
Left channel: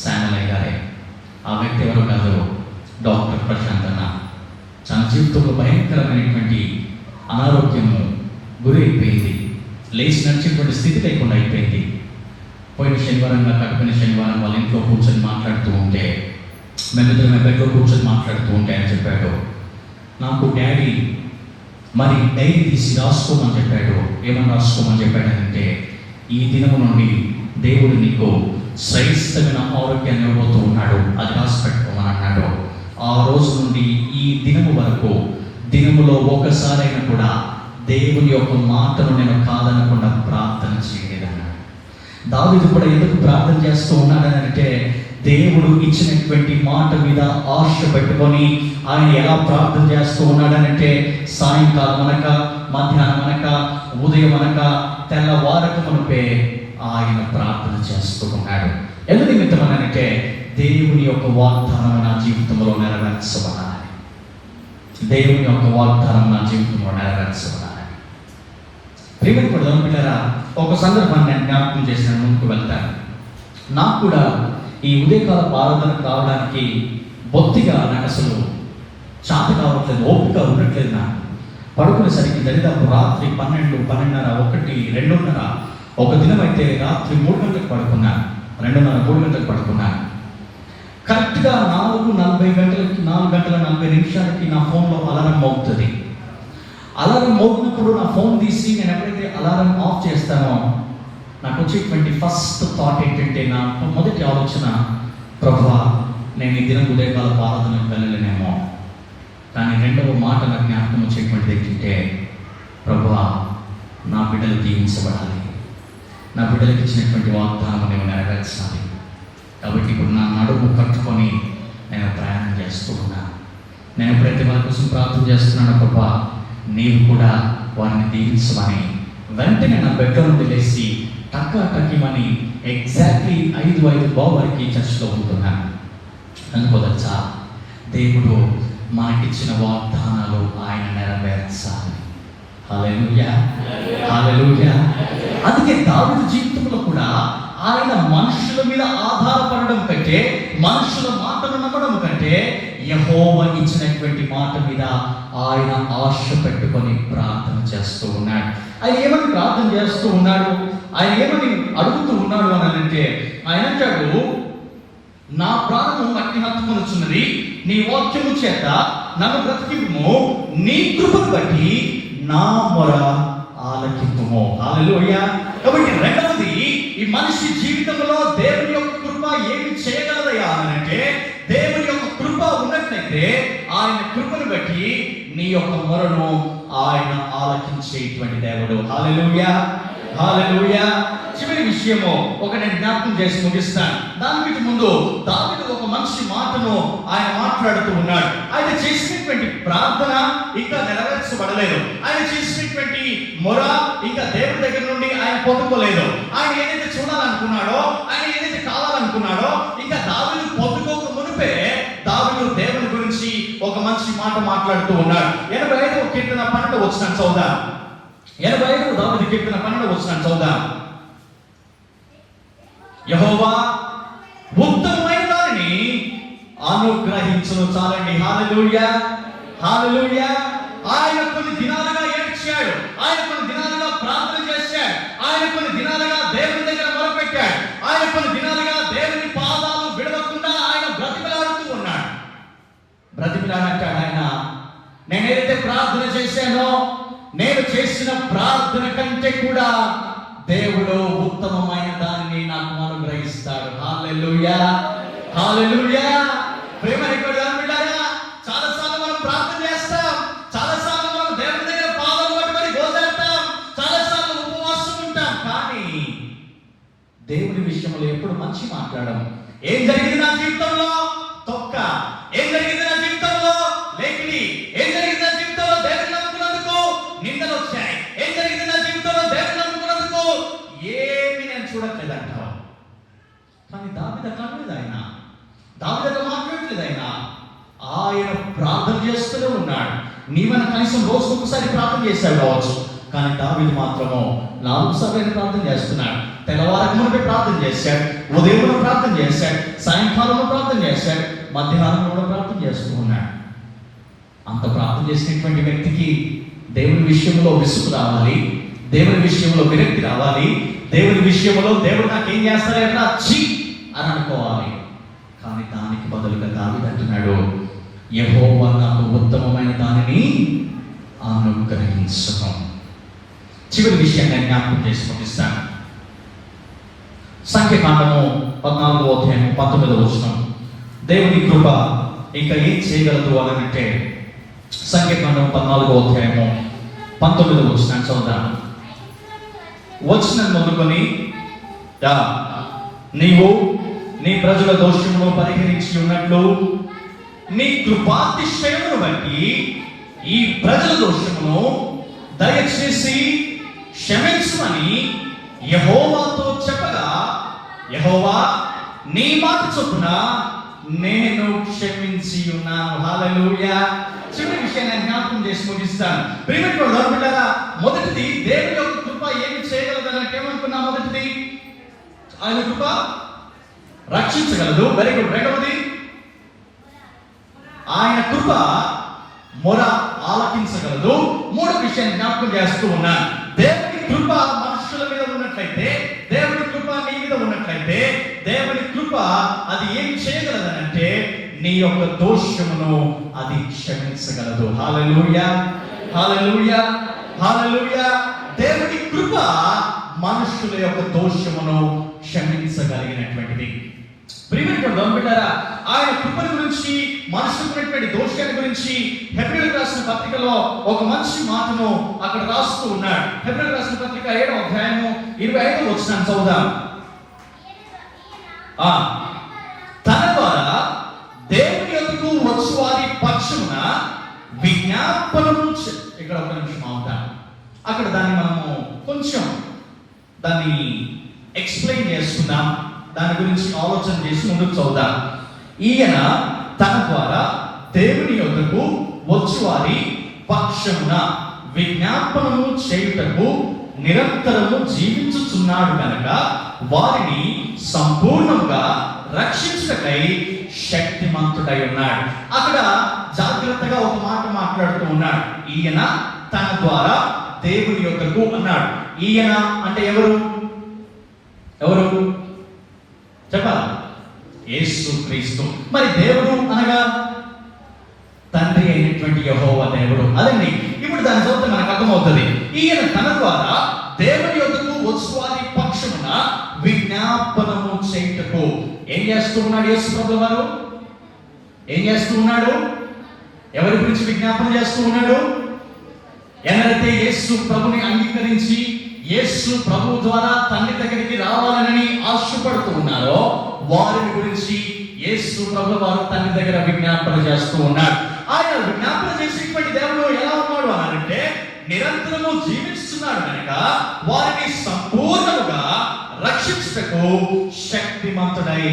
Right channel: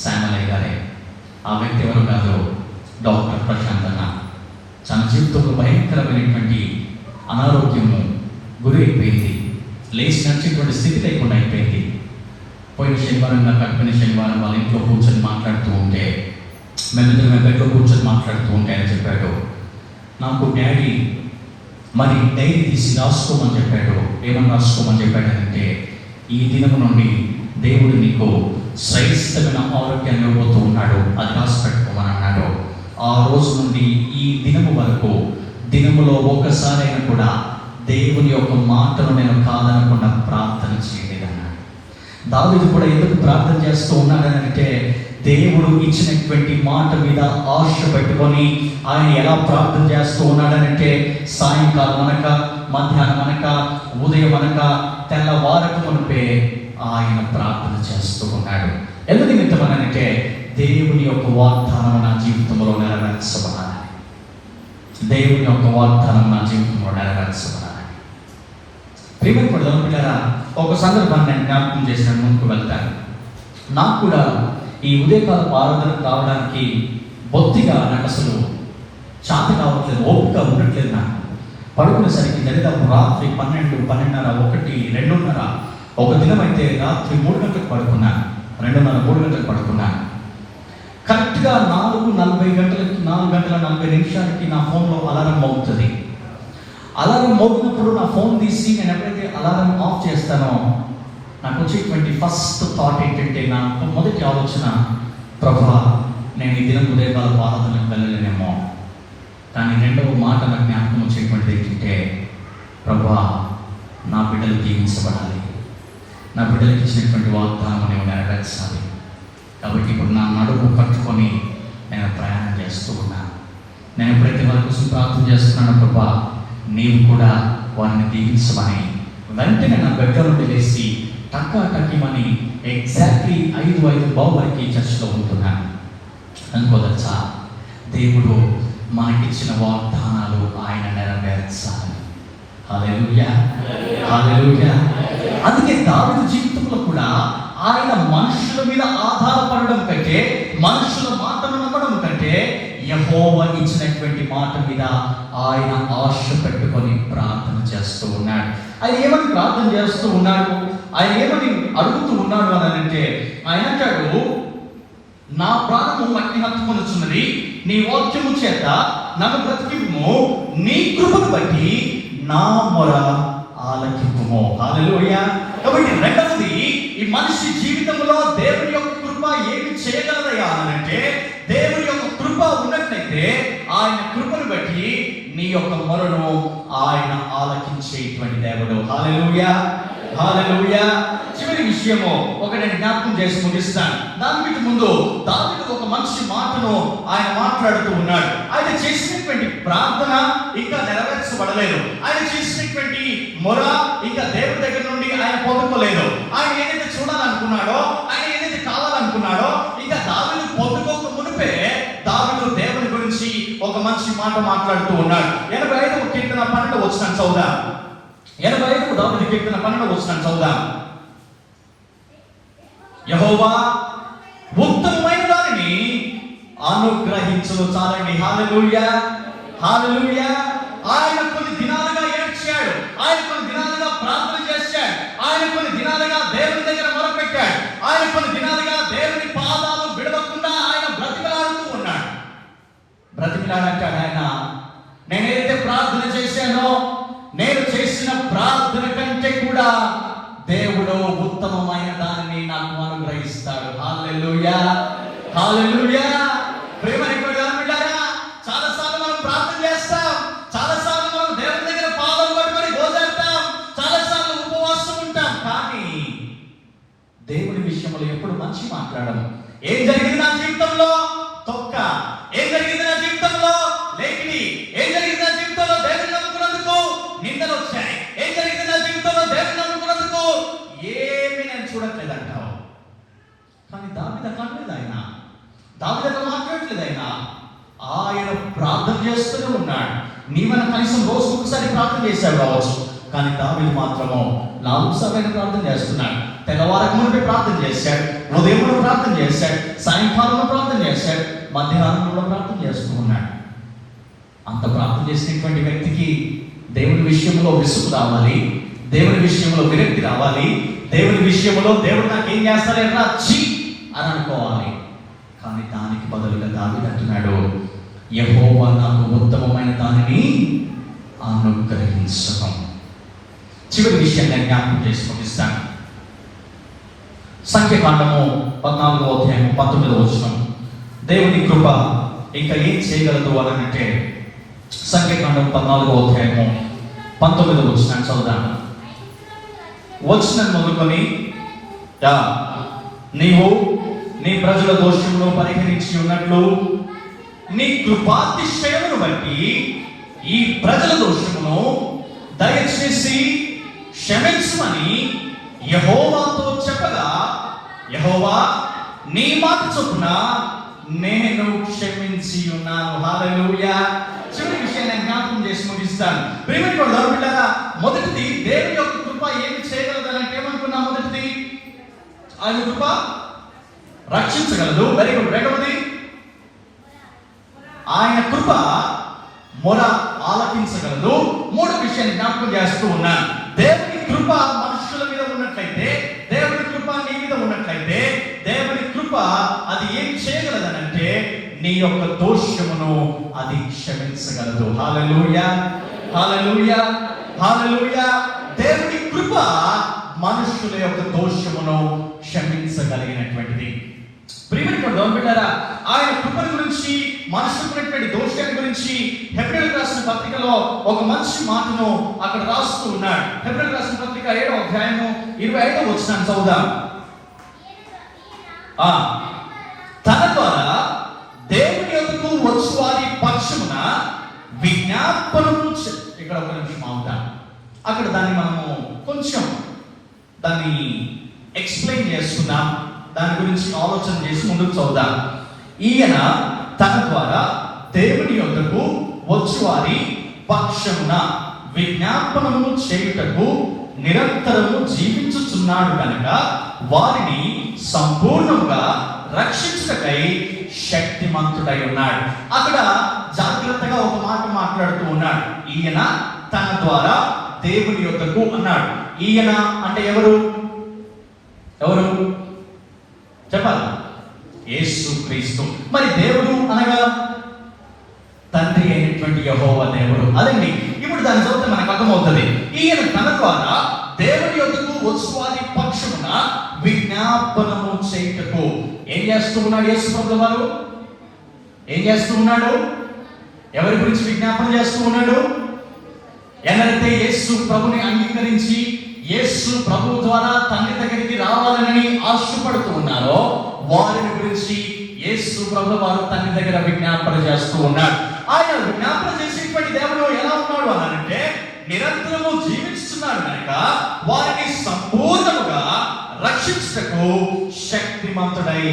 శామలయ్య గారే. ఆ వ్యక్తి ఎవరు కాదు, డాక్టర్ ప్రశాంత్ అన్న. తన జీవితంలో భయంకరమైనటువంటి అనారోగ్యము గురైపోయింది. లేచి నడిచేటువంటి స్థితి లేకుండా అయిపోయింది. పోయిన శనివారం కట్టిన శనివారం వాళ్ళ ఇంట్లో కూర్చొని మాట్లాడుతూ ఉంటే, మేము బెడ్లో కూర్చొని మాట్లాడుతూ ఉంటే అని చెప్పాడు, నాకు డాడీ మరి డైరీ తీసి రాసుకోమని చెప్పాడు. ఏమని రాసుకోమని చెప్పాడంటే, ఈ దినం నుండి దేవుడు నీకు శ్రేష్టమైన ఆరోగ్యాన్ని ఇవ్వబోతూ ఉన్నాడు, అది రాసి పెట్టుకోమని అన్నాడు. ఆ రోజు నుండి ఈ దినం వరకు దినములో ఒకసారైనా కూడా దేవుని యొక్క మాటను నేను కాదనకుండా ప్రార్థన చేయలేదన్నాడు. దావీదు కూడా ఎందుకు ప్రార్థన చేస్తూ ఉన్నాడంటే, దేవుడు ఇచ్చినటువంటి మాట మీద ఆశ పెట్టుకొని ఆయన ఎలా ప్రార్థన చేస్తూ ఉన్నాడనంటే, సాయంకాలం అనక, మధ్యాహ్నం అనక, ఉదయం అనక, తెల్లవారక మునిపే ఆయన ప్రార్థన చేస్తూ ఉన్నాడు. ఎందుకు నిమిత్తమనంటే, దేవుని యొక్క వాగ్దానం నా జీవితంలో నెరవేర్చబడాలి. దేవుని యొక్క వాగ్దానం నా జీవితంలో నెరవేర్చబడాలి. ప్రియమైన ఒక సందర్భాన్ని నేను జ్ఞాపకం చేసిన ముందుకు వెళ్తాను. నాకు కూడా ఈ ఉదయకాల ఆరాధనకు రావడానికి బొత్తిగా నాకు అసలు శాంతి కావట్లేదు, ఓపిక ఉండట్లేదు. నాకు పడుకునేసరికి దాదాపు రాత్రి 12, 12:30, 1, 2:30. ఒక దినం అయితే రాత్రి 3 గంటలకు పడుకున్నాను, 2:30, 3 గంటలకు పడుకున్నాను. కరెక్ట్గా 4:40 నా ఫోన్లో అలారం మోగుతుంది. అలారం మోగినప్పుడు నా ఫోన్ తీసి నేను ఎప్పుడైతే అలారం ఆఫ్ చేస్తానో నాకు వచ్చేటువంటి ఫస్ట్ థాట్ ఏంటంటే, నాకు మొదటి ఆలోచన, ప్రభువా నేను ఈ దినం ఉదయకాల ఆరాధనకు వెళ్ళలేనేమో. కానీ రెండవ మాట నాకు జ్ఞాపకం వచ్చేటువంటిది ఏంటంటే, ప్రభువా నా బిడ్డలు దీవించబడాలి, నా బిడ్డలకు ఇచ్చినటువంటి వాగ్దానం నేను నెరవేర్చాలి. కాబట్టి ఇప్పుడు నా నడుము పట్టుకొని నేను ప్రయాణం చేస్తూ ఉన్నాను. నేను ప్రతి వారి కోసం ప్రార్థన చేస్తున్నాను, ప్రభువా నీవు కూడా వారిని దీవించమని. వెంటనే నా బెడ్ నుండి లేచి టక్కమని ఎగ్జాక్ట్లీ 5 వరకు చర్చలో ఉంటున్నాను. అనుకోవచ్చా, దేవుడు మా మనకిచ్చిన వాగ్దానాలు ఆయన నెరవేర్చాలి. హల్లెలూయా, హల్లెలూయా. అందుకే దావీదు జీవితంలో కూడా ఆయన మనుషుల మీద ఆధారపడడం కంటే, మనుషుల మాటలు నమ్మడం కంటే, యెహోవా ఇచ్చినటువంటి మాట మీద ఆయన ఆశ పెట్టుకొని ప్రార్థన చేస్తూ ఉన్నాడు. ఆయన ఏమని ప్రార్థన చేస్తూ ఉన్నాడు, ఆయన ఏమని అడుగుతూ ఉన్నాడు అని అంటే, ఆయన అంటాడు, నా ప్రాణము అగ్ని హత్తుకొనుచున్నది, నీ వాక్యము చేత నన్ను బ్రతికింపుము, నీ కృపను బట్టి నా మొర ఆలకింపుము. హల్లెలూయా. కాబట్టి రెండవది, ఈ మనిషి జీవితంలో దేవుని యొక్క కృప ఏమి చేయగలదయా అంటే, దేవుని యొక్క కృప ఉన్నట్లయితే ఆయన కృపను బట్టి నీ యొక్క మొరను ఆయన ఆలకించేటువంటి దేవుడు. హల్లెలూయా, హల్లెలూయా. చివరి విషయము ఒకటి జ్ఞాపకం చేసి ముగిస్తాను. దానికి ముందు దావీదు ఒక మంచి మాటను ఆయన మాట్లాడుతూ ఉన్నాడు. ఆయన చేసినటువంటి ప్రార్థన ఇంకా నెరవేర్చబడలేదు. ఆయన చేసినటువంటి మొర ఇంకా దేవుడి దగ్గర నుండి ఆయన పొందుకోలేదు. ఆయన ఏదైతే చూడాలనుకున్నాడో, ఆయన ఏదైతే కావాలనుకున్నాడో, ఇంకా దావీదు పొందుకోక మునిపే దావీదు దేవుడి గురించి ఒక మంచి మాట మాట్లాడుతూ ఉన్నాడు. 85వ కీర్తన 12వ వచనం చదువుదాం. 85వ దావీదు కీర్తన 12వ వచనం చదువుదాం. యెహోవా ఉత్తమమైన దానిని అనుగ్రహించును చాలండి. హల్లెలూయా, హల్లెలూయా. ఆయన కొన్ని దినాలుగా ఏడ్చాడు, ఆయన కొన్ని దినాలుగా ప్రార్థన చేశాడు, ఆయన కొన్ని దినాలుగా దేవుని దగ్గర మొరపెట్టాడు, ఆయన కొన్ని దినాలుగా దేవుని పాదాలు విడవకుండా ఆయన బ్రతిమలాడుతూ ఉన్నాడు. బ్రతిమలాడటాడు ఆయన, నేనైతే ప్రార్థన చేశానో, నేను చేసిన ప్రార్థన కంటే కూడా దేవుడు ఉత్తమమైన దానిని నాకు అనుగ్రహిస్తాడు. హల్లెలూయా, హల్లెలూయా. చాలా సార్లు మనం ప్రార్థన చేస్తాం, చాలా సార్లు మనం దేవుని దగ్గర పాదాలు పట్టుకొని గోజాడతాం, చాలా సార్లు ఉపవాసం ఉంటాం, కానీ దేవుని విషయంలో ఎప్పుడు మంచి మాట్లాడము. ఏం జరిగింది నా జీవితంలో? తొక్క. ఏం జరిగింది నా జీవితంలో? లేఖిని. ఏం జరిగింది నా జీవితంలో? దేవుని నమ్ముకున్నందుకు నిందలు వచ్చాయి. ఏం జరిగింది నా జీవితంలో? దేవుని నమ్ముకున్నందుకు ఏమి నేను చూడట్లేదు అంటావు. కానీ దావీదు కాదు, ఆయన దావీదుతో మాట్లాడలేదు. ఆయన ప్రార్థన చేస్తూనే ఉన్నాడు. నీవన కనీసం రోజుకు ఒకసారి ప్రార్థన చేశాడు కావచ్చు, కానీ దావీదు మాత్రము 4 సార్లు ప్రార్థన చేస్తున్నాడు. తెల్లవారికి ముందే ప్రార్థన చేశాడు, ఉదయంలో ప్రార్థన చేశాడు, సాయంకాలంలో ప్రార్థన చేశాడు, మధ్యాహ్నంలో ప్రార్థన చేస్తూ ఉన్నాడు. అంత ప్రార్థన చేసినటువంటి వ్యక్తికి దేవుని విషయంలో విసుగు రావాలి, దేవుని విషయంలో విరక్తి రావాలి, దేవుని విషయంలో దేవుడు నాకు ఏం చేస్తారంటే ఛీ అని అనుకోవాలి. కానీ దానికి బదులుగా దావీదు అంటున్నాడు, యెహోవా నాకు ఉత్తమమైన దానిని అనుగ్రహించును. చివరి విషయాన్ని జ్ఞాపకం చేసుకునిస్తాను. సంఖ్యాకాండము 14వ అధ్యాయం 19వ వచనం. దేవుని కృప ఇంకా ఏం చేయగలదు అని అంటే, సంఖ్యాకాండం 14వ అధ్యాయము 19వ వచనం చదువుదాం. వచనం మొదలుకొని, నీవు నీ ప్రజల దోషమును పరిహరించి ఉన్నట్లు నీ కృపాతిశయమును బట్టి ఈ ప్రజల దోషమును దయచేసి క్షమించమని యెహోవాతో చెప్పగా, యెహోవా నీ మాట చొప్పున నేను క్షమించి ఉన్నాను. హల్లెలూయా. చివరి విషయాన్ని జ్ఞాపకం చేసి ముగిస్తాను. ప్రియమైన మొదటిది, దేవుని యొక్క కృప ఏమి చేయగలదంటే ఏమనుకున్నా? మొదటిది, ఆయన కృప రక్షించగలదు. Very good. రెండవది, ఆయన కృప మొర ఆలకించగలదు. మూడవ విషయాన్ని జ్ఞాపకం చేస్తూ ఉన్నాను. దేవుని కృప మనుషుల మీద ఉన్నట్లయితే, దేవుని కృప నీ మీద ఉన్నట్లయితే, దేవుని కృప అది ఏం చేయగలదనంటే నీ యొక్క దోషమును అది క్షమించగలదు. హల్లెలూయా, హల్లెలూయా, హల్లెలూయా. దేవుని కృప మనుషుల యొక్క దోషమును క్షమించగలిగినటువంటిది. ఆయన కృపల గురించి, మనుషులైనటువంటి దోషాల గురించి హెబ్రీయులకు రాసిన పత్రికలో ఒక మంచి మాటను అక్కడ రాస్తూ ఉన్నాడు. హెబ్రీయులకు రాసిన పత్రిక 7వ అధ్యాయము 25వ వచనం చదువుదాం. తన ద్వారా దేవుని యొద్దకు వచ్చు వారి పక్షమున విజ్ఞాపనము. ఇక్కడ ఒక నిమిషం అవుతాం. అక్కడ దాన్ని మనము కొంచెం దాన్ని ఎక్స్ప్లెయిన్ చేస్తున్నాం, దాని గురించి ఆలోచన చేసి ముందుకు చదువుదాం. ఈయన తన ద్వారా దేవుని యొద్దకు పక్షమున విజ్ఞాపనము చేయుటకు నిరంతరము జీవించుచున్నాడు కనుక వారిని సంపూర్ణంగా రక్షించుటకై శక్తిమంతుడై ఉన్నాడు. అక్కడ జాగ్రత్తగా ఒక మాట మాట్లాడుతూ ఉన్నాడు. ఈయన తన ద్వారా దేవుని యొద్దకు అన్నాడు. ఈయన అంటే ఎవరు చెప్పాలి? యేసు క్రీస్తు. మరి దేవుడు అనగా తండ్రి అయినటువంటి యెహోవా దేవుడు. అదండి ఇప్పుడు దాని చదివితే మనకు అర్థమవుతుంది. ఈయన తన ద్వారా దేవుని యొద్దకు వచ్చు వారి పక్షమున విజ్ఞాపనము చేయుటకు ఏం చేస్తూ ఉన్నాడు? యేసు ప్రభువు వారు ఏం చేస్తూ ఉన్నాడు? ఎవరి గురించి విజ్ఞాపన చేస్తూ ఉన్నాడు? ఎవరైతే యేసు ప్రభుని అంగీకరించి యేసు ప్రభు ద్వారా తండ్రి దగ్గరికి రావాలని ఆశపడుతూ ఉన్నారో వారి గురించి యేసు ప్రభు వారు తండ్రి దగ్గర విజ్ఞాపన చేస్తూ ఉన్నారు. ఆయన విజ్ఞాపన చేసేటువంటి దేవుడు ఎలా ఉన్నాడు అనంటే నిరంతరము జీవిస్తున్నాడు కనుక వారిని సంపూర్ణంగా రక్షించుటకు శక్తిమంతుడై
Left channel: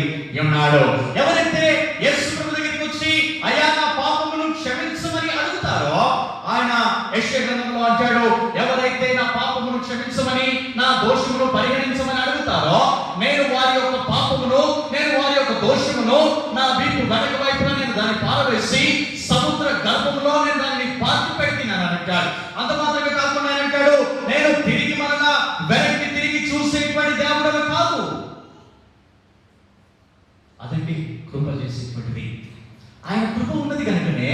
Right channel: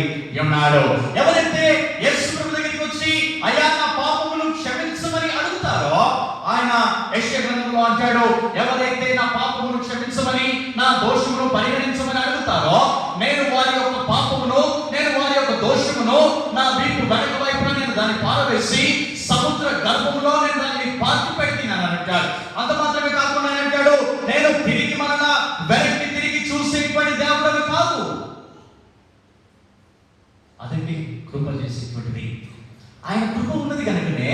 ఉన్నాడు. ఎవరైతే యేసు ప్రభు దగ్గరికి వచ్చి అయ్యా నా పాపములను క్షమించమని అడుగుతారో ఆయన యెషయా గ్రంథంలో అంటాడు, ఎవరైతే నా పాపములను క్షమించమని నా దోషమును పరిగణించమని అడుగుతారో నేను వారి యొక్క పాపమును నేను వారి యొక్క దోషమును నా వీపు బయట వైపున నేను దాన్ని పారవేసి సముద్ర గర్భంలో నేను దాన్ని పాతి పెట్టినాను అంటాడు. అంత మాత్రమే కాకుండా ఆయన అంటాడు, నేను తిరిగి మనగా వెనక్కి తిరిగి చూసేటువంటి దేవుడు కాదు. అదండి కృప చేసేటువంటిది. ఆయన కృప ఉన్నది కనుకనే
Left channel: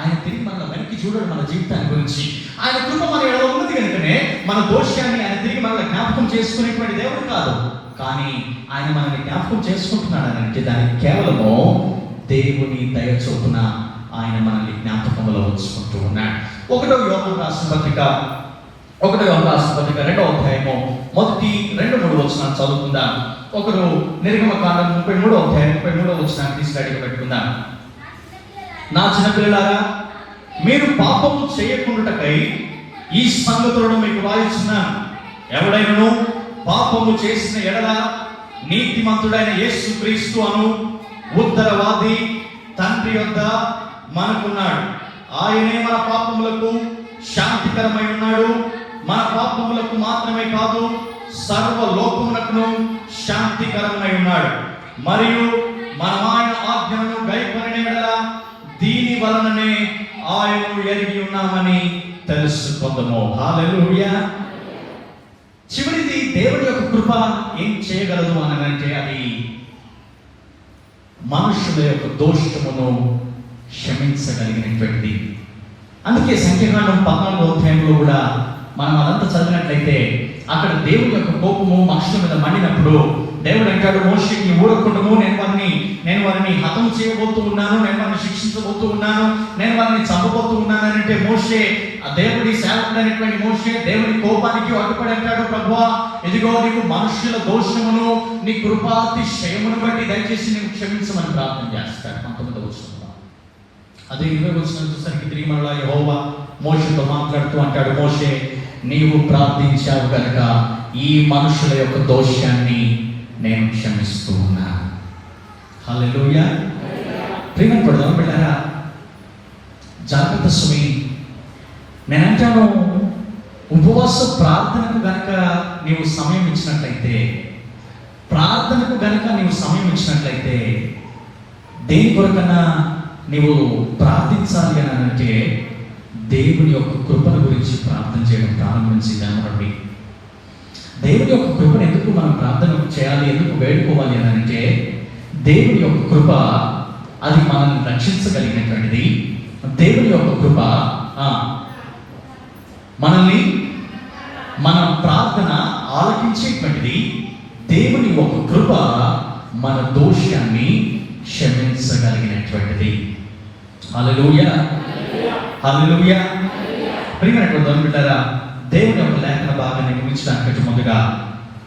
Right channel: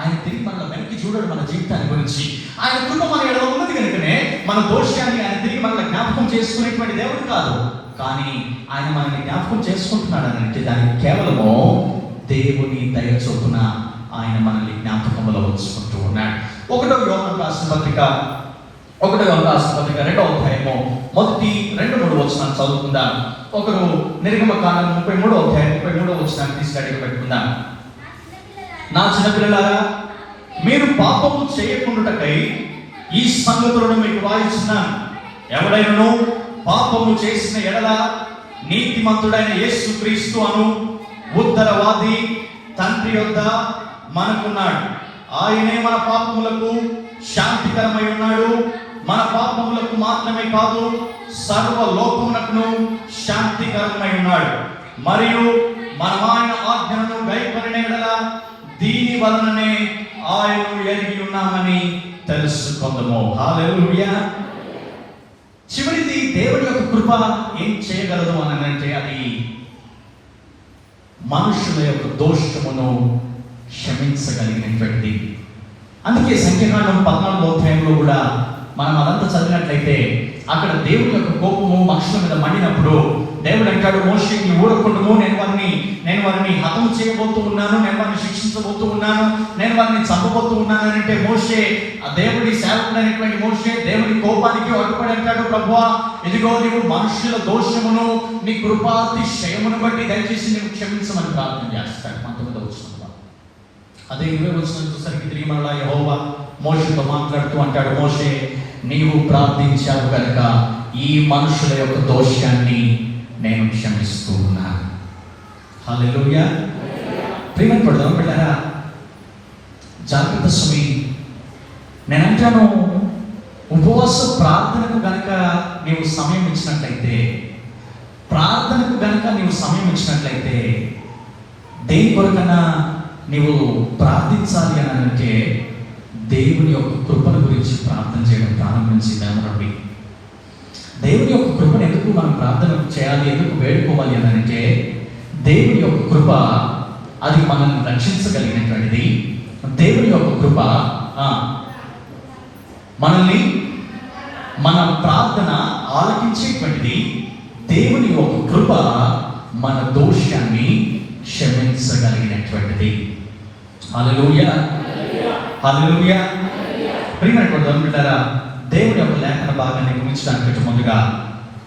ఆయన తిరిగి మన వెనక్కి చూడడం మన జీవితాన్ని గురించి. ఆయన కృప మన ఎడలో ఉన్నది కనుకనే మన దోషాన్ని ఆయన తిరిగి మన జ్ఞాపకం చేసుకునేటువంటి దేవుడు కాదు. కానీ ఆయన మనల్ని జ్ఞాపకం చేసుకుంటున్నాడు అంటే దానికి కేవలము దేవుని దయ చొప్పున ఆయన మనల్ని జ్ఞాపకంలో ఉంచుకుంటూ ఉన్నాడు. ఒకటో యోహాను రాసిన పత్రిక 2వ అధ్యాయము మొదటి 2-3 వచనాలు చదువుకుందాం. ఒకరు నిర్గమకాండం 33వ అధ్యాయం 33వ వచనాన్ని తీసుకెళ్ళి పెట్టుకుందాం. నా చిన్నపిల్లలారా మీరు పాపము చేయకుండాటకై ఈ సంగతులను మీకు రాయిస్తున్నాను. ఎవడైనా పాపము చేసిన ఎడల నీతిమంతుడైన యేసు క్రీస్తు అను ఉత్తరవాది తండ్రి యొద్ద మనకున్నాడు. ఆయనే మన పాపములకు శాంతికరమై ఉన్నాడు. మన పాపములకు మాత్రమే కాదు సర్వ లోకములకు శాంతికరమై ఉన్నాడు. మరియు మనం ఆయన ఆజ్ఞలను గైకొనిన ఎడల దీని వలననే ఆయనను ఎరిగి ఉన్నామని తెలుసుకొందుము. హల్లెలూయా. చివరిది దేవుడి యొక్క కృప ఏం చేయగలదు అని అంటే అది మనుషుల యొక్క దోషమును క్షమించగలిగినటువంటిది. అందుకే సంకీర్తన 14వ అధ్యాయంలో కూడా మనం అదంతా చదివినట్లయితే అక్కడ దేవుడి యొక్క కోపము మనుషుల మీద మండినప్పుడు దేవుడు అంటాడు, మోషేకి ఊరకుండుము, నేను వారిని హతం చేయబోతూ ఉన్నాను, నేను వారిని శిక్షించబోతూ ఉన్నాను, నేను వారిని చంపబోతూ ఉన్నాను అంటే మోషే ఆ దేవుడి సేవకుడైనటువంటి మోషే దేవుడి కోపానికి అడ్డుపడి అంటాడు, ప్రభువా ఇదిగో నీవు మనుషుల దోషమును నీ కృపాతిశయమును బట్టి దయచేసి నీవు క్షమించమని ప్రార్థన చేస్తాడు. 19వ వచనంలో అదే 20వ వచనం వచ్చేసరికి తిరిగి మళ్ళా యెహోవా మోషేతో మాట్లాడుతూ అంటాడు, మోషే నీవు ప్రార్థించావు కనుక ఈ మనుషుల యొక్క దోషాన్ని నేను క్షమిస్తూ ఉన్నాను. హల్లెలూయా. ప్రియపడదాం బిడ్డలారా, జాగ్రత్త సుమి. నేనంటాను ఉపవాస ప్రార్థనకు గనక నీవు సమయం ఇచ్చినట్లయితే దేని కొరకన్నా నీవు ప్రార్థించాలి అని అంటే దేవుని యొక్క కృపను గురించి ప్రార్థన చేయడం ప్రారంభించింది. దేవుని యొక్క కృపను ఎందుకు మనం ప్రార్థన చేయాలి, ఎందుకు వేడుకోవాలి అని అంటే దేవుని యొక్క కృప అది మనల్ని రక్షించగలిగినటువంటిది. దేవుని యొక్క కృప మనల్ని మన ప్రార్థన ఆలకించేటువంటిది. దేవుని యొక్క కృప మన దోషాన్ని క్షమించగలిగినటువంటిది. హల్లెలూయా, హల్లెలూయా. ప్రియమైన దేవుని యొక్క లేఖన భాగాన్ని గురించడానికి ముందుగా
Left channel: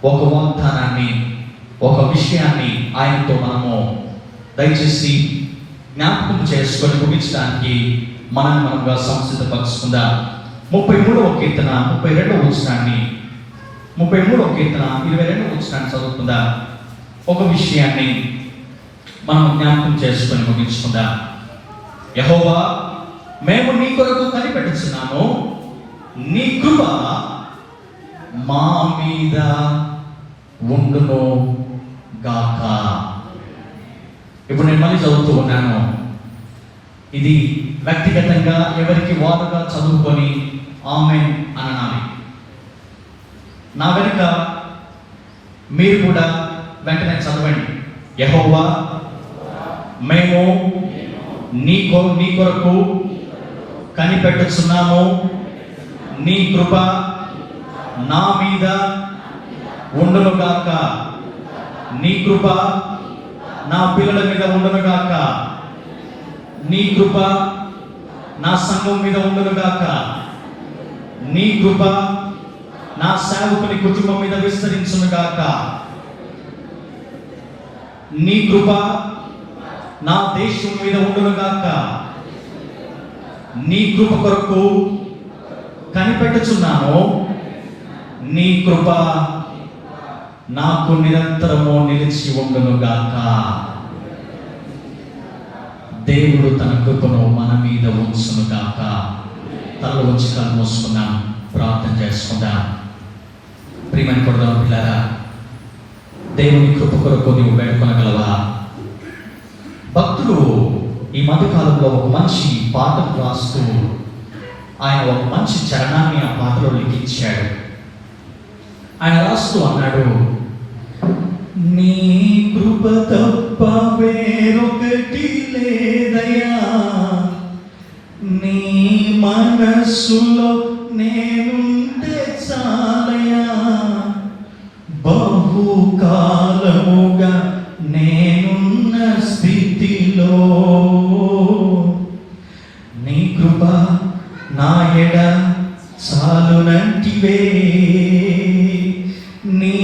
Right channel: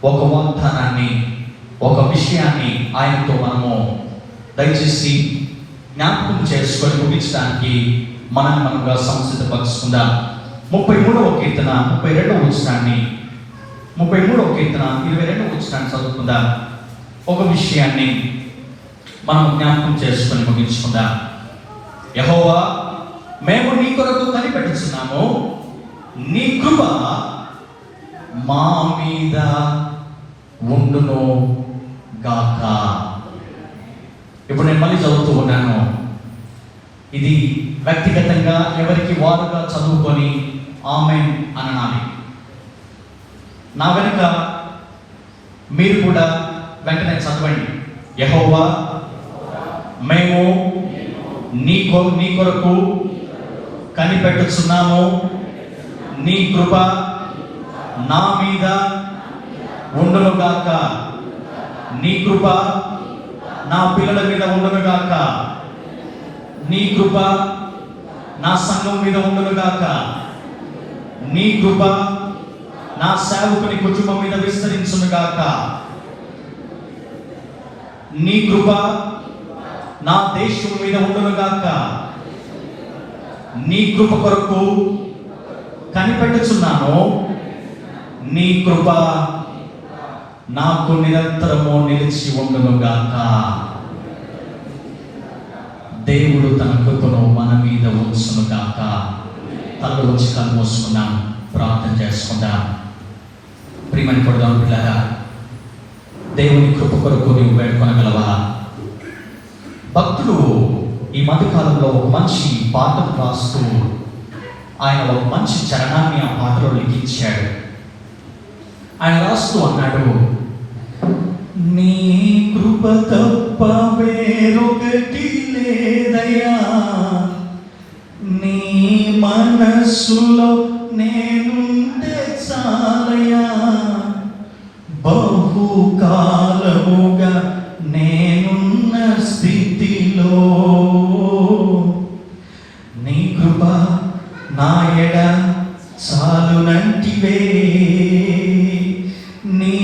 ఒక వాగ్దానాన్ని, ఒక విషయాన్ని ఆయనతో మనము దయచేసి జ్ఞాపకం చేసుకొని ముగించడానికి మనముగా సంసిద్ధపరుచుకుందాం. 33వ కీర్తన 32వ వచనాన్ని 33వ కీర్తన 22వ వచనాన్ని చదువుకుందాం. ఒక విషయాన్ని మనం జ్ఞాపకం చేసుకొని ముగించుకుందాం. యెహోవా మేము నీ కొరకు కనిపెట్టుచున్నాము, నీ కృప మా మీద ఉండును గాక. ఇప్పుడు నేను మళ్ళీ చదువుతూ ఉన్నాను. ఇది వ్యక్తిగతంగా ఎవరికి వాదనగా చదువుకొని ఆమేన్ అనాలి. నా వెనుక మీరు కూడా వెంటనే చదవండి. యెహోవా, మేము నీ కొరకు కనిపెట్టుచున్నాము, నీ కృప నా మీద ఉండును గాక. నీ కృప నా పిల్లల మీద ఉండును గాక. నీ కృప నా సంఘం మీద ఉండును గాక. నీ కృప నా సేవకుని కుటుంబం మీద విస్తరించును గాక. నీ కృప నా దేశం మీద ఉండును గాక. నీ కృప కొరకు కనిపెట్టుచున్నాను, నీ కృప నాకు నిరంతరము నిలిచి ఉండును గాక. దేవుడు తన కృపను మన మీద ఉంచును గాక. తనలో చిత్తాలు మూసుకున్నాం, ప్రార్థన చేసుకుందాం. ప్రియమైన పిల్లరా, దేవుని కృప కొరకు నీవు వేడుకొనగలవా? భక్తుడు ఈ మధ్యకాలంలో ఒక మంచి పాటను రాస్తూ ఆయన ఒక మంచి చరణాన్ని ఆ పాటలో లిఖించాడు. ఆయన రాస్తూ అన్నాడు, నీ కృప తప్ప వేరొకటి లేదయ్యా, నీ మనస్సులో నేనుంటే చాలయ్యా, బహుకాలముగా నేనున్న స్థితిలో నీ కృప నా ఎడ చాలునంటివే, నీ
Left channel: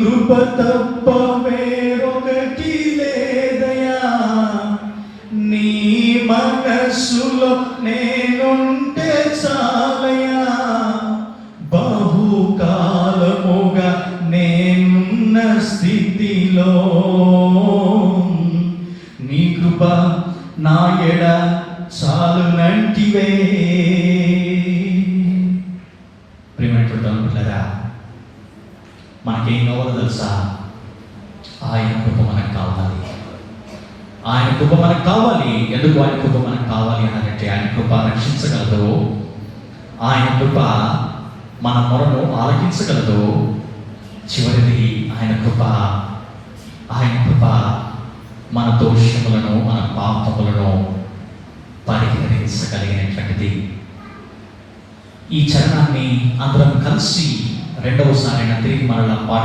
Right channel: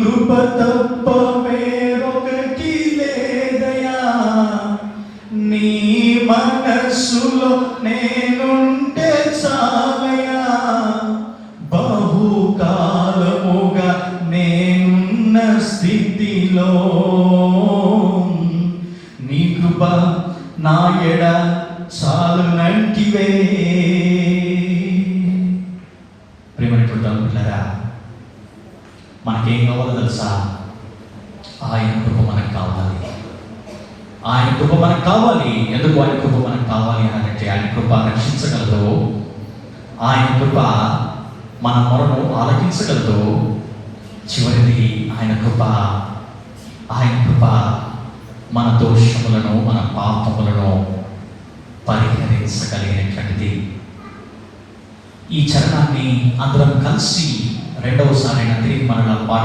కృప తప్ప వేరొకటి లేదయ్యా, నీ మనస్సులో నేనుంటే చాలయ్యా, బహుకాలముగా నేనున్న స్థితిలో నీ కృప నా ఎడ చాలునంటివే. ప్రేమరా, మనకేం కావాలో తెలుసా? ఆయన కృప మనకు కావాలి. ఆయన కృప మనకు కావాలి. ఎందుకు ఆయన కృప మనకు కావాలి అంటే, ఆయన కృప రక్షించగలదు, ఆయన కృప మన మొరను ఆలకించగలదు. చివరిది ఆయన కృప మన దోషములను, మన పాపములను పరిహరించగలిగినటువంటిది. ఈ చరణాన్ని అందరం కలిసి రెండవసారి తిరిగి మనలో పాడి